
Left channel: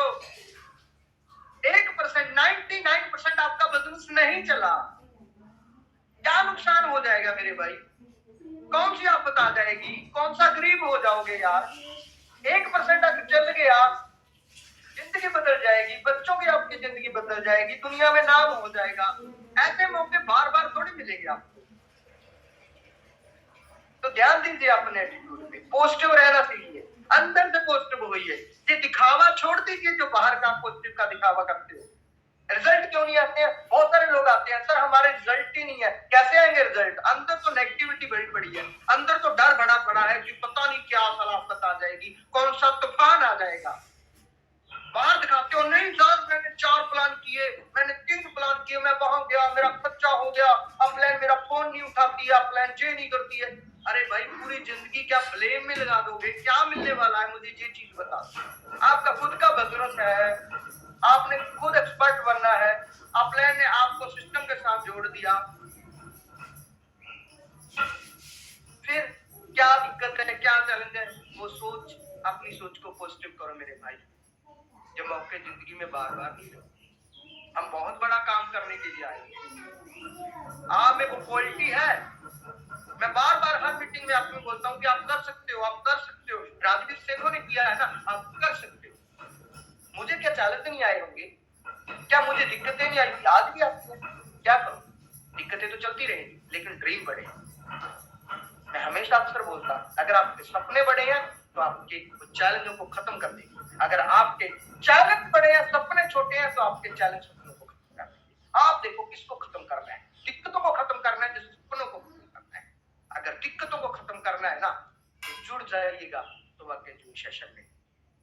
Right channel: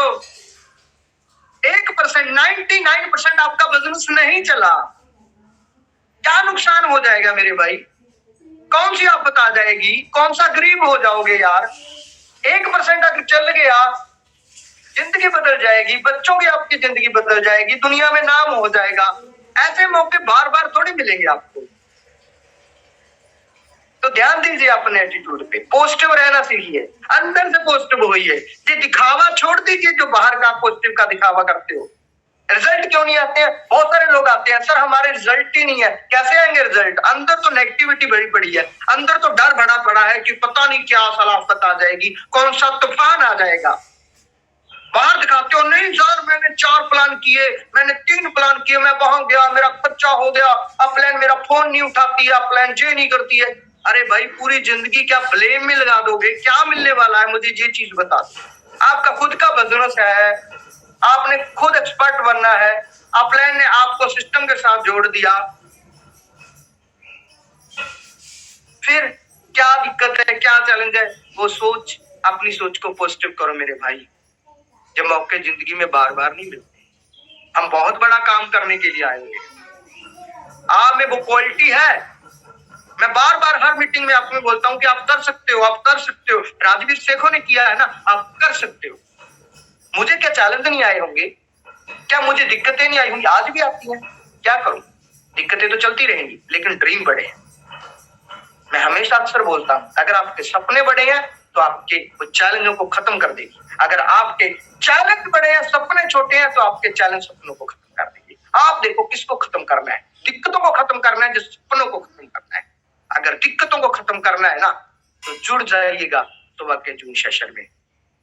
1%, 99% आपका बिजनेस नहीं चला, क्या नुकसान हो जाएगा मेरे भाई? कौन सी आफत आ जाएगी? कौन सा गरीब हो जाओगे यार? 1% अगर चल गया, जिंदगी बदल जाएगी, बच्चों की आपकी जिंदगी बदल जाएगी, दुनिया में नाम हो जाएगा। ऐसे मौके बार बार थोड़ी मिलेंगे आपको। तो ध्यान दीजिए अपने एटीट्यूड पे, पॉजिटिव रहना सीखिए, अंदर से पॉजिटिव होइए। ये दिखावा छोड़ दीजिए जो बाहर का पॉजिटिव का दिखावा करते हो। रिजल्ट क्यों नहीं आते हैं? बहुत सारे लोग आते हैं, सर हमारे रिजल्ट ही नहीं है। कैसे आएंगे रिजल्ट? अंदर तो नेगेटिविटी बड़ी पड़ी है, अंदर तो डर भरा पड़ा है कि पता नहीं क्या सलाफत आ जाएगी, कौन सा तूफान आ जाएगा। बाहर दिखाते हो, नहीं सर मैंने 4 प्लान किए, मैंने 3 प्लान किए, मैं वहां गया, मेरा बच्चा हो गया, अब प्लान मेरा फोन नहीं उठाती है, प्लान ये नहीं करती है। अरे भाई पूरी जिंदगी क्या ब्लेम में लगा दोगे? क्या मिलने वाला है मुझे ये चीज बता दो। आपका खुद का बिजनेस है, आपने खुद एक्सपर्ट बनना है, अपलाइन ने आपको सिस्टम के साथ जोड़ दिया, फिर क्या दिक्कत है, क्या चैलेंज है? वो सोच, अपनी सोच को पॉजिटिव करो मेरे भाई। जब मौके जिंदगी में बार बार नहीं मिलते, हम बहुत बड़ा काम करने के लिए आएंगे। आप में वो क्वालिटी है, मैं बार बार हर मीटिंग में आपको बोलता हूं कि आप कर सकते हो, आप कर सकते हो। राजवीर शेखों ने किया है ना, आप कर सकते हो। मुझे क्या चैलेंज नहीं आए होंगे? क्या मुझे दिक्कतें नहीं आई होंगी? आज भी आती हैं, क्या करूं? दिक्कतें तो चलती रहेंगी, लेकिन ड्रीम बड़े हैं। मैं हमेशा अक्सर बोलता हूं, अगर आपके सपने बड़े हैं तो आपके वो चैलेंजों को खत्म कर देगी। अगर आपके चैलेंज बड़े हैं, सपने छोटे हैं, तो आपके चैलेंज सपनों को खत्म कर देंगे। आप देखो किसको खत्म करना है? दिक्कतों को खत्म करना है, जिस सपनों को खत्म करना है। अगर दिक्कतों को खत्म करना है ना, तो जुड़ जाइएगा सुबह के जून सेशन में।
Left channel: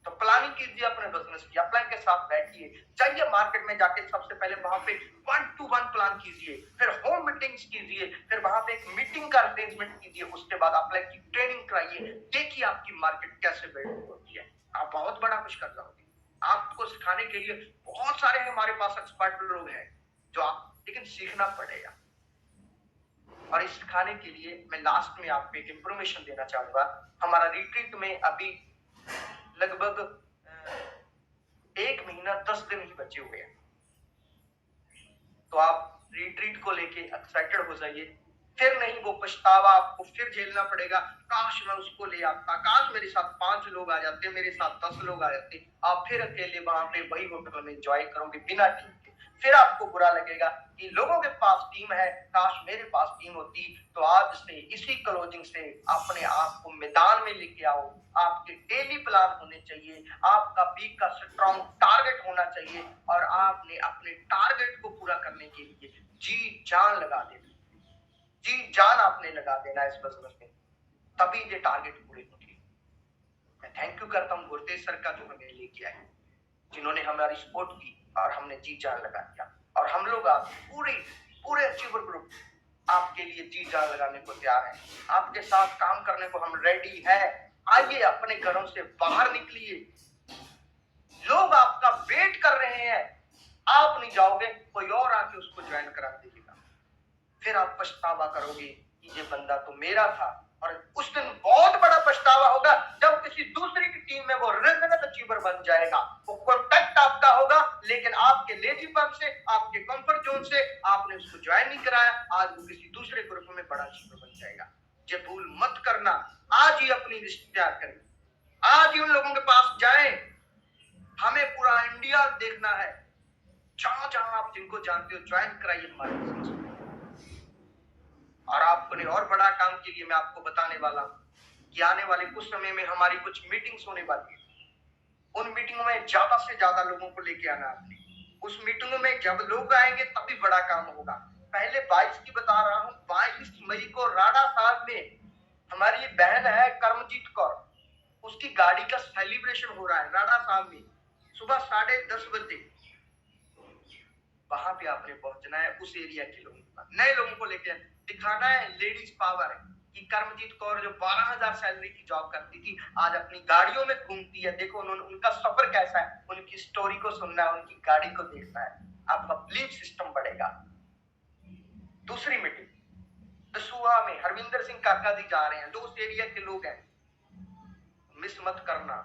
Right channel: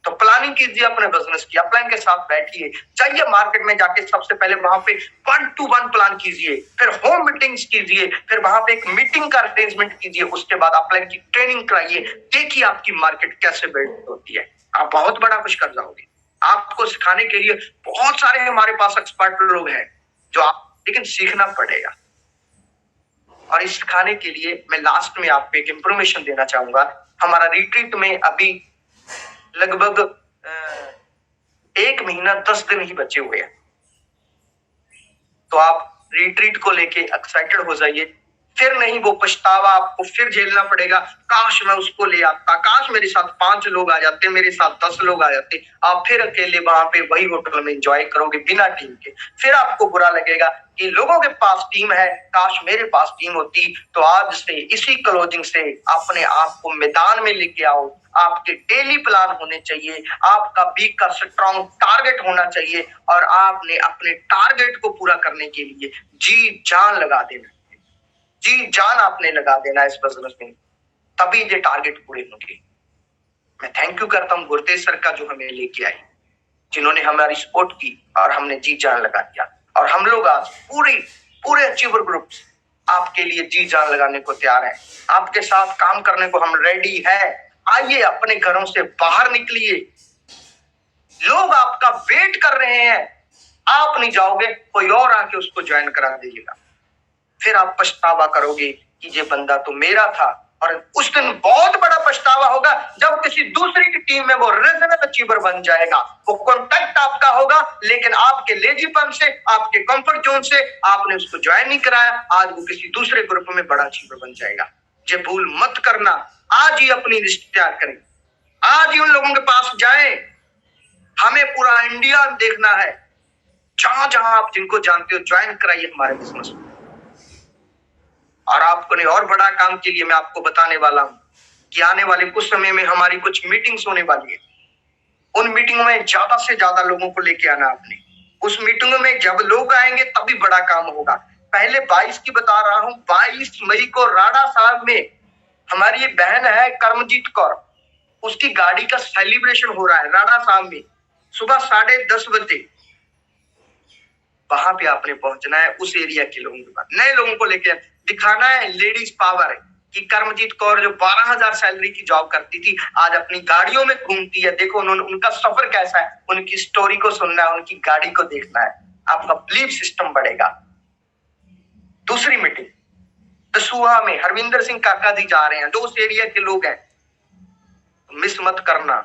तो प्लानिंग कीजिए अपने बिजनेस की, अपलाइन के साथ बैठिए, जाइए मार्केट में जाके सबसे पहले वहां पे 1-to-1 प्लान कीजिए, फिर होम मीटिंग्स कीजिए, फिर वहां पे एक मीटिंग का अरेंजमेंट कीजिए, उसके बाद अपलाइन की ट्रेनिंग कराइए। देखिए आपकी मार्केट कैसे बिल्ड होती है, आप बहुत बड़ा कुछ कर जाओगे। आपको सिखाने के लिए बहुत सारे हमारे पास एक्सपर्ट लोग हैं, जो आप, लेकिन सीखना पड़ेगा। और इस सिखाने के लिए मैं लास्ट में आपको एक इंफॉर्मेशन देना चाहूंगा। हमारा रिट्रीट में अभी लगभग 1 महीना 10 दिन ही बचे हुए हैं। तो आप रिट्रीट को लेके एक्साइटेड हो जाइए। फिर नहीं वो पछतावा आपको फिर झेलना पड़ेगा, काश मैं उसको ले आता, काश मेरे साथ 5 लोग आ जाते, मेरे साथ 10 लोग आ जाते। आप फिर अकेले वहां पे वही होटल में एंजॉय करोगे बिना टीम के। फिर आपको बुरा लगेगा कि लोगों के पास टीम है, काश मेरे पास टीम होती। तो आज से इसी क्लोजिंग से अपने आप को मैदान में लेके आओ। आपके डेली प्लान होने चाहिए, आपका वीक का स्ट्रॉन्ग टारगेट होना चाहिए, और आपने अपने टारगेट को पूरा करने के लिए जी जान लगा देना, जी जान आपने लगा देना इस बिजनेस में, तभी ये टारगेट पूरे होंगे। मैं थैंक यू करता हूँ गुरतेज सर का, जो हमें लेके आई, जिन्होंने हमारी सपोर्ट की और हमने जी जान लगा दिया। और हम लोग आज पूरे अचीवर ग्रुप आपके लिए जी जान लगाने को तैयार है। आपके साथ काम करने को हम रेडी है। आइए, अपने घरों से बाहर निकलिए, लोग आपका वेट कर रहे हैं। आप नहीं जाओगे, कोई और आके उसको ज्वाइन करा दीजिएगा। फिर आप पछतावा करोगे कि ये बंदा तो मेरा था। और उस दिन बहुत बड़ा पछतावा होगा जब किसी दूसरी की टीम में वो रीजनल अचीवर बन जाएगा। वो कॉन्टैक्ट आपका होगा, लेकिन आपके लेजीपन से, आपके कंफर्ट जोन से आपने उसको ज्वाइन नहीं कराया। आज वो किसी दूसरे ग्रुप में बड़ा अचीवर बन जाएगा। ये भूल मत करना। आज ही अपनी लिस्ट तैयार करें, आज ही उन लोगों के पास जाएं। हमें पूरा इंडिया देखना है। जहां जहां आप जिनको जानते हो ज्वाइन कराइए हमारे बिजनेस में। और आपको नहीं, और बड़ा काम के लिए मैं आपको बताने वाला हूं कि आने वाले कुछ समय में हमारी कुछ मीटिंग्स होने वाली है। उन मीटिंगों में ज्यादा से ज्यादा लोगों को लेके आना आपने। उस मीटिंगों में जब लोग आएंगे तभी बड़ा काम होगा। पहले 22 की बता रहा हूं, 22 मई को राणा साहब में हमारी ये बहन है कर्मजीत कौर, उसकी गाड़ी का सेलिब्रेशन हो रहा है राणा साहब में, सुबह 10:30 बजे। वहां पे आपने पहुंचना है, उस एरिया के लोगों के पास, नए लोगों को लेकर दिखाना है लेडीज पावर है कि कर्मजीत कौर जो 12,000 सैलरी की जॉब करती थी, आज अपनी गाड़ियों में घूमती है। देखो उन्होंने, उनका सफर कैसा है, उनकी स्टोरी को सुनना है, उनकी गाड़ी को देखना है। आपका बिलीफ सिस्टम बढ़ेगा। दूसरी मीटिंग दसूहा में हरविंदर सिंह काका जी जा रहे हैं, जो उस एरिया के लोग हैं। मिस मत करना,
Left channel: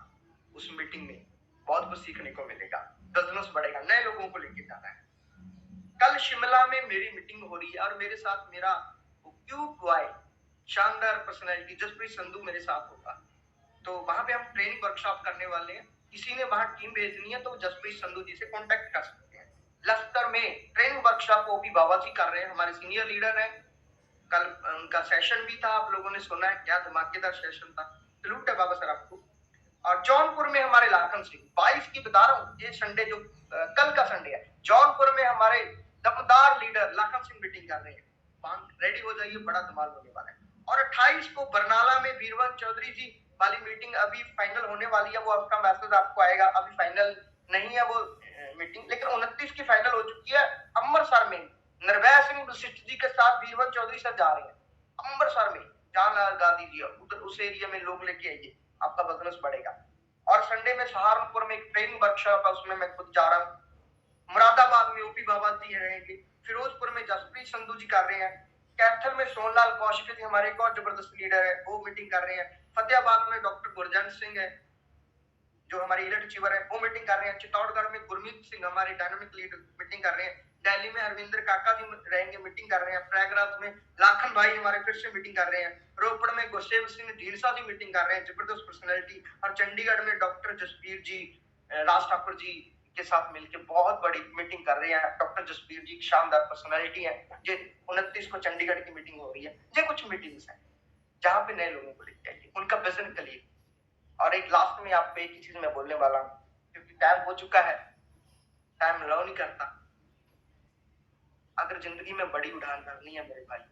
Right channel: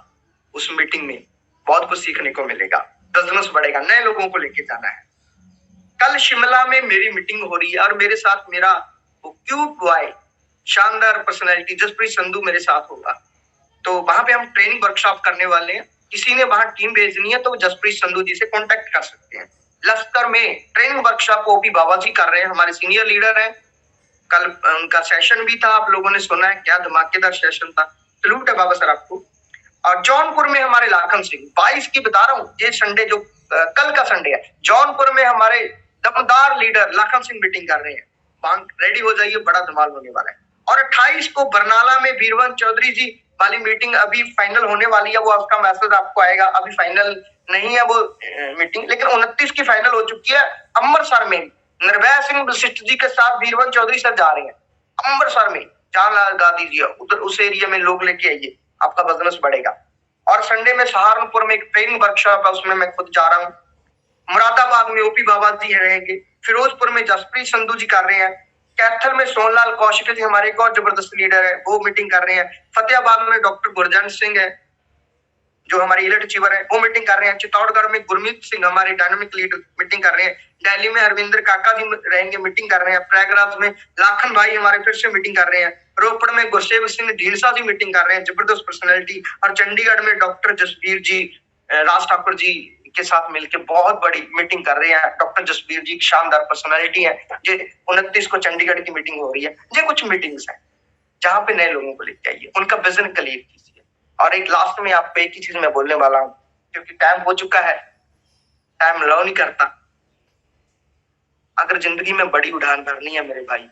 उस मीटिंग में बहुत कुछ सीखने को मिलेगा, बिजनेस बढ़ेगा, नए लोगों को लेके जाना है। कल शिमला में मेरी मीटिंग हो रही है और मेरे साथ मेरा वो क्यूट बॉय, शानदार पर्सनैलिटी जसप्रीत संधू मेरे साथ होगा। तो वहां पे हम ट्रेनिंग वर्कशॉप करने वाले हैं। किसी ने वहां टीम भेजनी है तो जसप्रीत संधू जी से कांटेक्ट कर सकते हैं। लश्कर में ट्रेनिंग वर्कशॉप ओपी बाबा जी कर रहे हैं, हमारे सीनियर लीडर हैं। कल उनका सेशन भी था, आप लोगों ने सुना है, क्या धमाकेदार सेशन था। सलूट है बाबा सर आपको। और जौनपुर में हमारे लाखन सिंह, 22 की बता रहा हूँ, ये संडे जो कल का संडे है, जौनपुर में हमारे दमदार लीडर लाखन सिंह मीटिंग कर रहे हैं। रेडी हो जाइए, बड़ा धमाल होने वाला है। और 28 को बरनाला में बीरवन चौधरी जी वाली मीटिंग अभी फाइनल होने वाली है, वो आपका मैसेज आपको आएगा। अभी फाइनल नहीं है वो मीटिंग, लेकिन 29 की फाइनल हो चुकी है। अमृतसर में निर्भय सिंह वशिष्ठ जी के साथ बीरवन चौधरी सर जा रहे हैं अमृतसर में। जान लगा दीजिए, उधर उस एरिया में लोग लेके आइए, आपका बिजनेस बढ़ेगा। और संडे में सहारनपुर में एक ट्रेनिंग वर्कशॉप है, उसमें मैं खुद जा रहा हूँ। मुरादाबाद में ओपी बाबा जी रहेंगे। फिरोजपुर में जसप्रीत संधू जी कर रहे हैं। कैथल में सोनलाल कौशिक जी हमारे एक और जबरदस्त लीडर है, वो मीटिंग कर रहे हैं। फतेहाबाद में डॉक्टर गुरजंत सिंह है जो हमारे इलेक्ट अचीवर है, वो मीटिंग कर रहे हैं। चित्तौड़गढ़ में गुरमीत सिंह हमारे डायनामिक लीडर मीटिंग कर रहे हैं। दिल्ली में हरविंदर काका जी रहेंगे, मीटिंग कर रहे हैं। प्रयागराज में लाखन भाई हमारे फिर से मीटिंग कर रहे हैं। रोपड़ में गुरसेव सिंह ढींडसा जी मीटिंग कर रहे हैं, जबरदस्त पर्सनैलिटी। और चंडीगढ़ में डॉक्टर जसबीर जी, राज ठाकुर जी के साथ मिलकर बहुत बड़ी मीटिंग कर रहे हैं। डॉक्टर जसबीर जी शानदार पर्सनैलिटी है। ये 29 को चंडीगढ़ की मीटिंग हो रही है। ये कुछ मीटिंग्स हैं जहां पे नए लोगों को लेके आइए, उनका विजन क्लियर कीजिए। और एक लास्ट में आपको एक ही चीज मैं बोलने वाला हूँ, क्योंकि टाइम हो चुका है, टाइम लो नहीं करता। अगर जिंदगी में बड़ी उड़ान भरनी है मेरे भाई,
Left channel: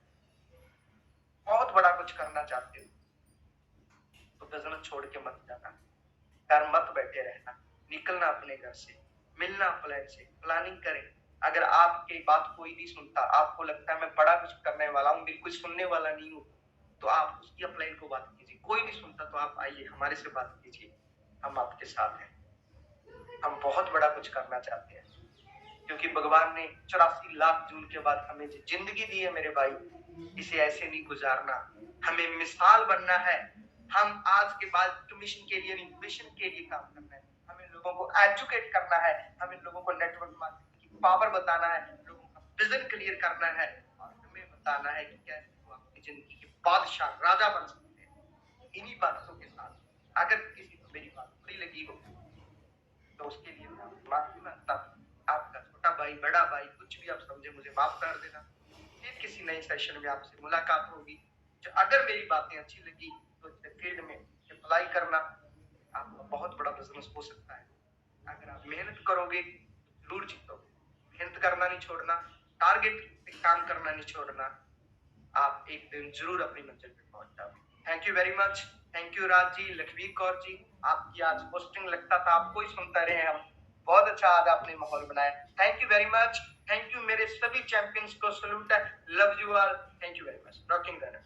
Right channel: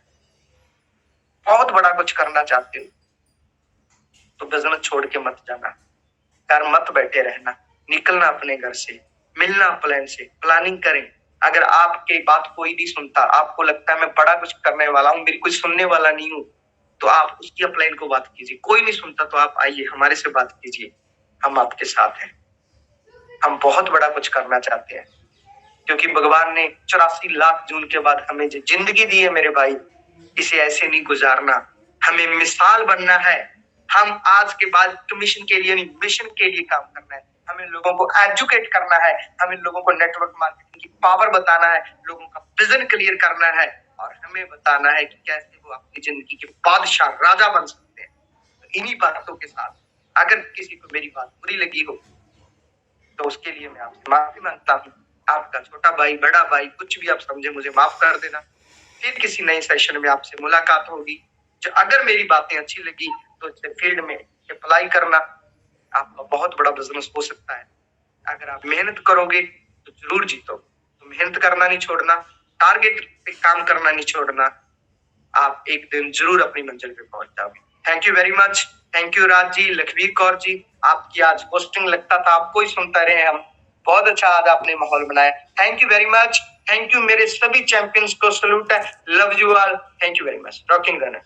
बहुत बड़ा कुछ करना चाहते हो, तो बिजनेस छोड़ के मत जाना, घर मत बैठे रहना, निकलना अपने घर से, मिलना प्लान से, प्लानिंग करें। अगर आपकी बात कोई नहीं सुनता, आपको लगता है मैं बड़ा कुछ करने वाला हूँ, मेरी कोई सुनने वाला नहीं हूँ, तो आप उसकी अपलाइन को बात कीजिए। कोई नहीं सुनता तो आप आइए, हमारे से बात कीजिए, हम आपके साथ हैं। हम बहुत बड़ा कुछ करना चाहते हैं, क्योंकि भगवान ने 84 लाख जून के बाद हमें जो जिंदगी दी है मेरे भाई, इसे ऐसे नहीं गुजारना। हमें मिसाल बनना है। हम आज के बाद कमीशन के लिए नहीं, मिशन के लिए काम करना है। हमें लोगों को एजुकेट करना है, हमें लोगों को नेटवर्क मार्केटिंग की पावर बताना है, लोगों का विजन क्लियर करना है और हमें बताना है कि कैसे वो अपनी जिंदगी के बादशाह राजा बन सकते हैं। तो इन्हीं बातों के साथ अगर किसी को मेरी बात बुरी लगी हो तो उसके लिए मैं आपसे माफी मांगता हूँ। आपका छोटा भाई, बड़ा भाई, कुछ भी आप समझे, मुझे माफ कर देना। फिर किसी नए सेशन में आपसे मुलाकात होगी। जो अगर मेरी बातें अच्छी लगी तो इसे फील्ड में अप्लाई करना, आपका बहुत बड़ा बिजनेस हो सकता है। अगर आप मेहनत करोगे तो जरूर जीतो। तो मेहनत करना नहीं छोड़ना, टारगेट पे काम करना नहीं छोड़ना। आप एक दिन जरूर अपनी मंजिल पे पहुंच जाओगे। Thank you very much. Thank you Raj ji, Lakhvir Kaur ji, आपकी आज पोस्टिंग लगता था आपको ही सुनता रहे हम। बहुत अच्छा आज आपने माहौल बनाया। Thank you very much. Thank you मेरे सभी चैंपियंस को सैल्यूट है। Love you all. Thank you very much. Rocking runner.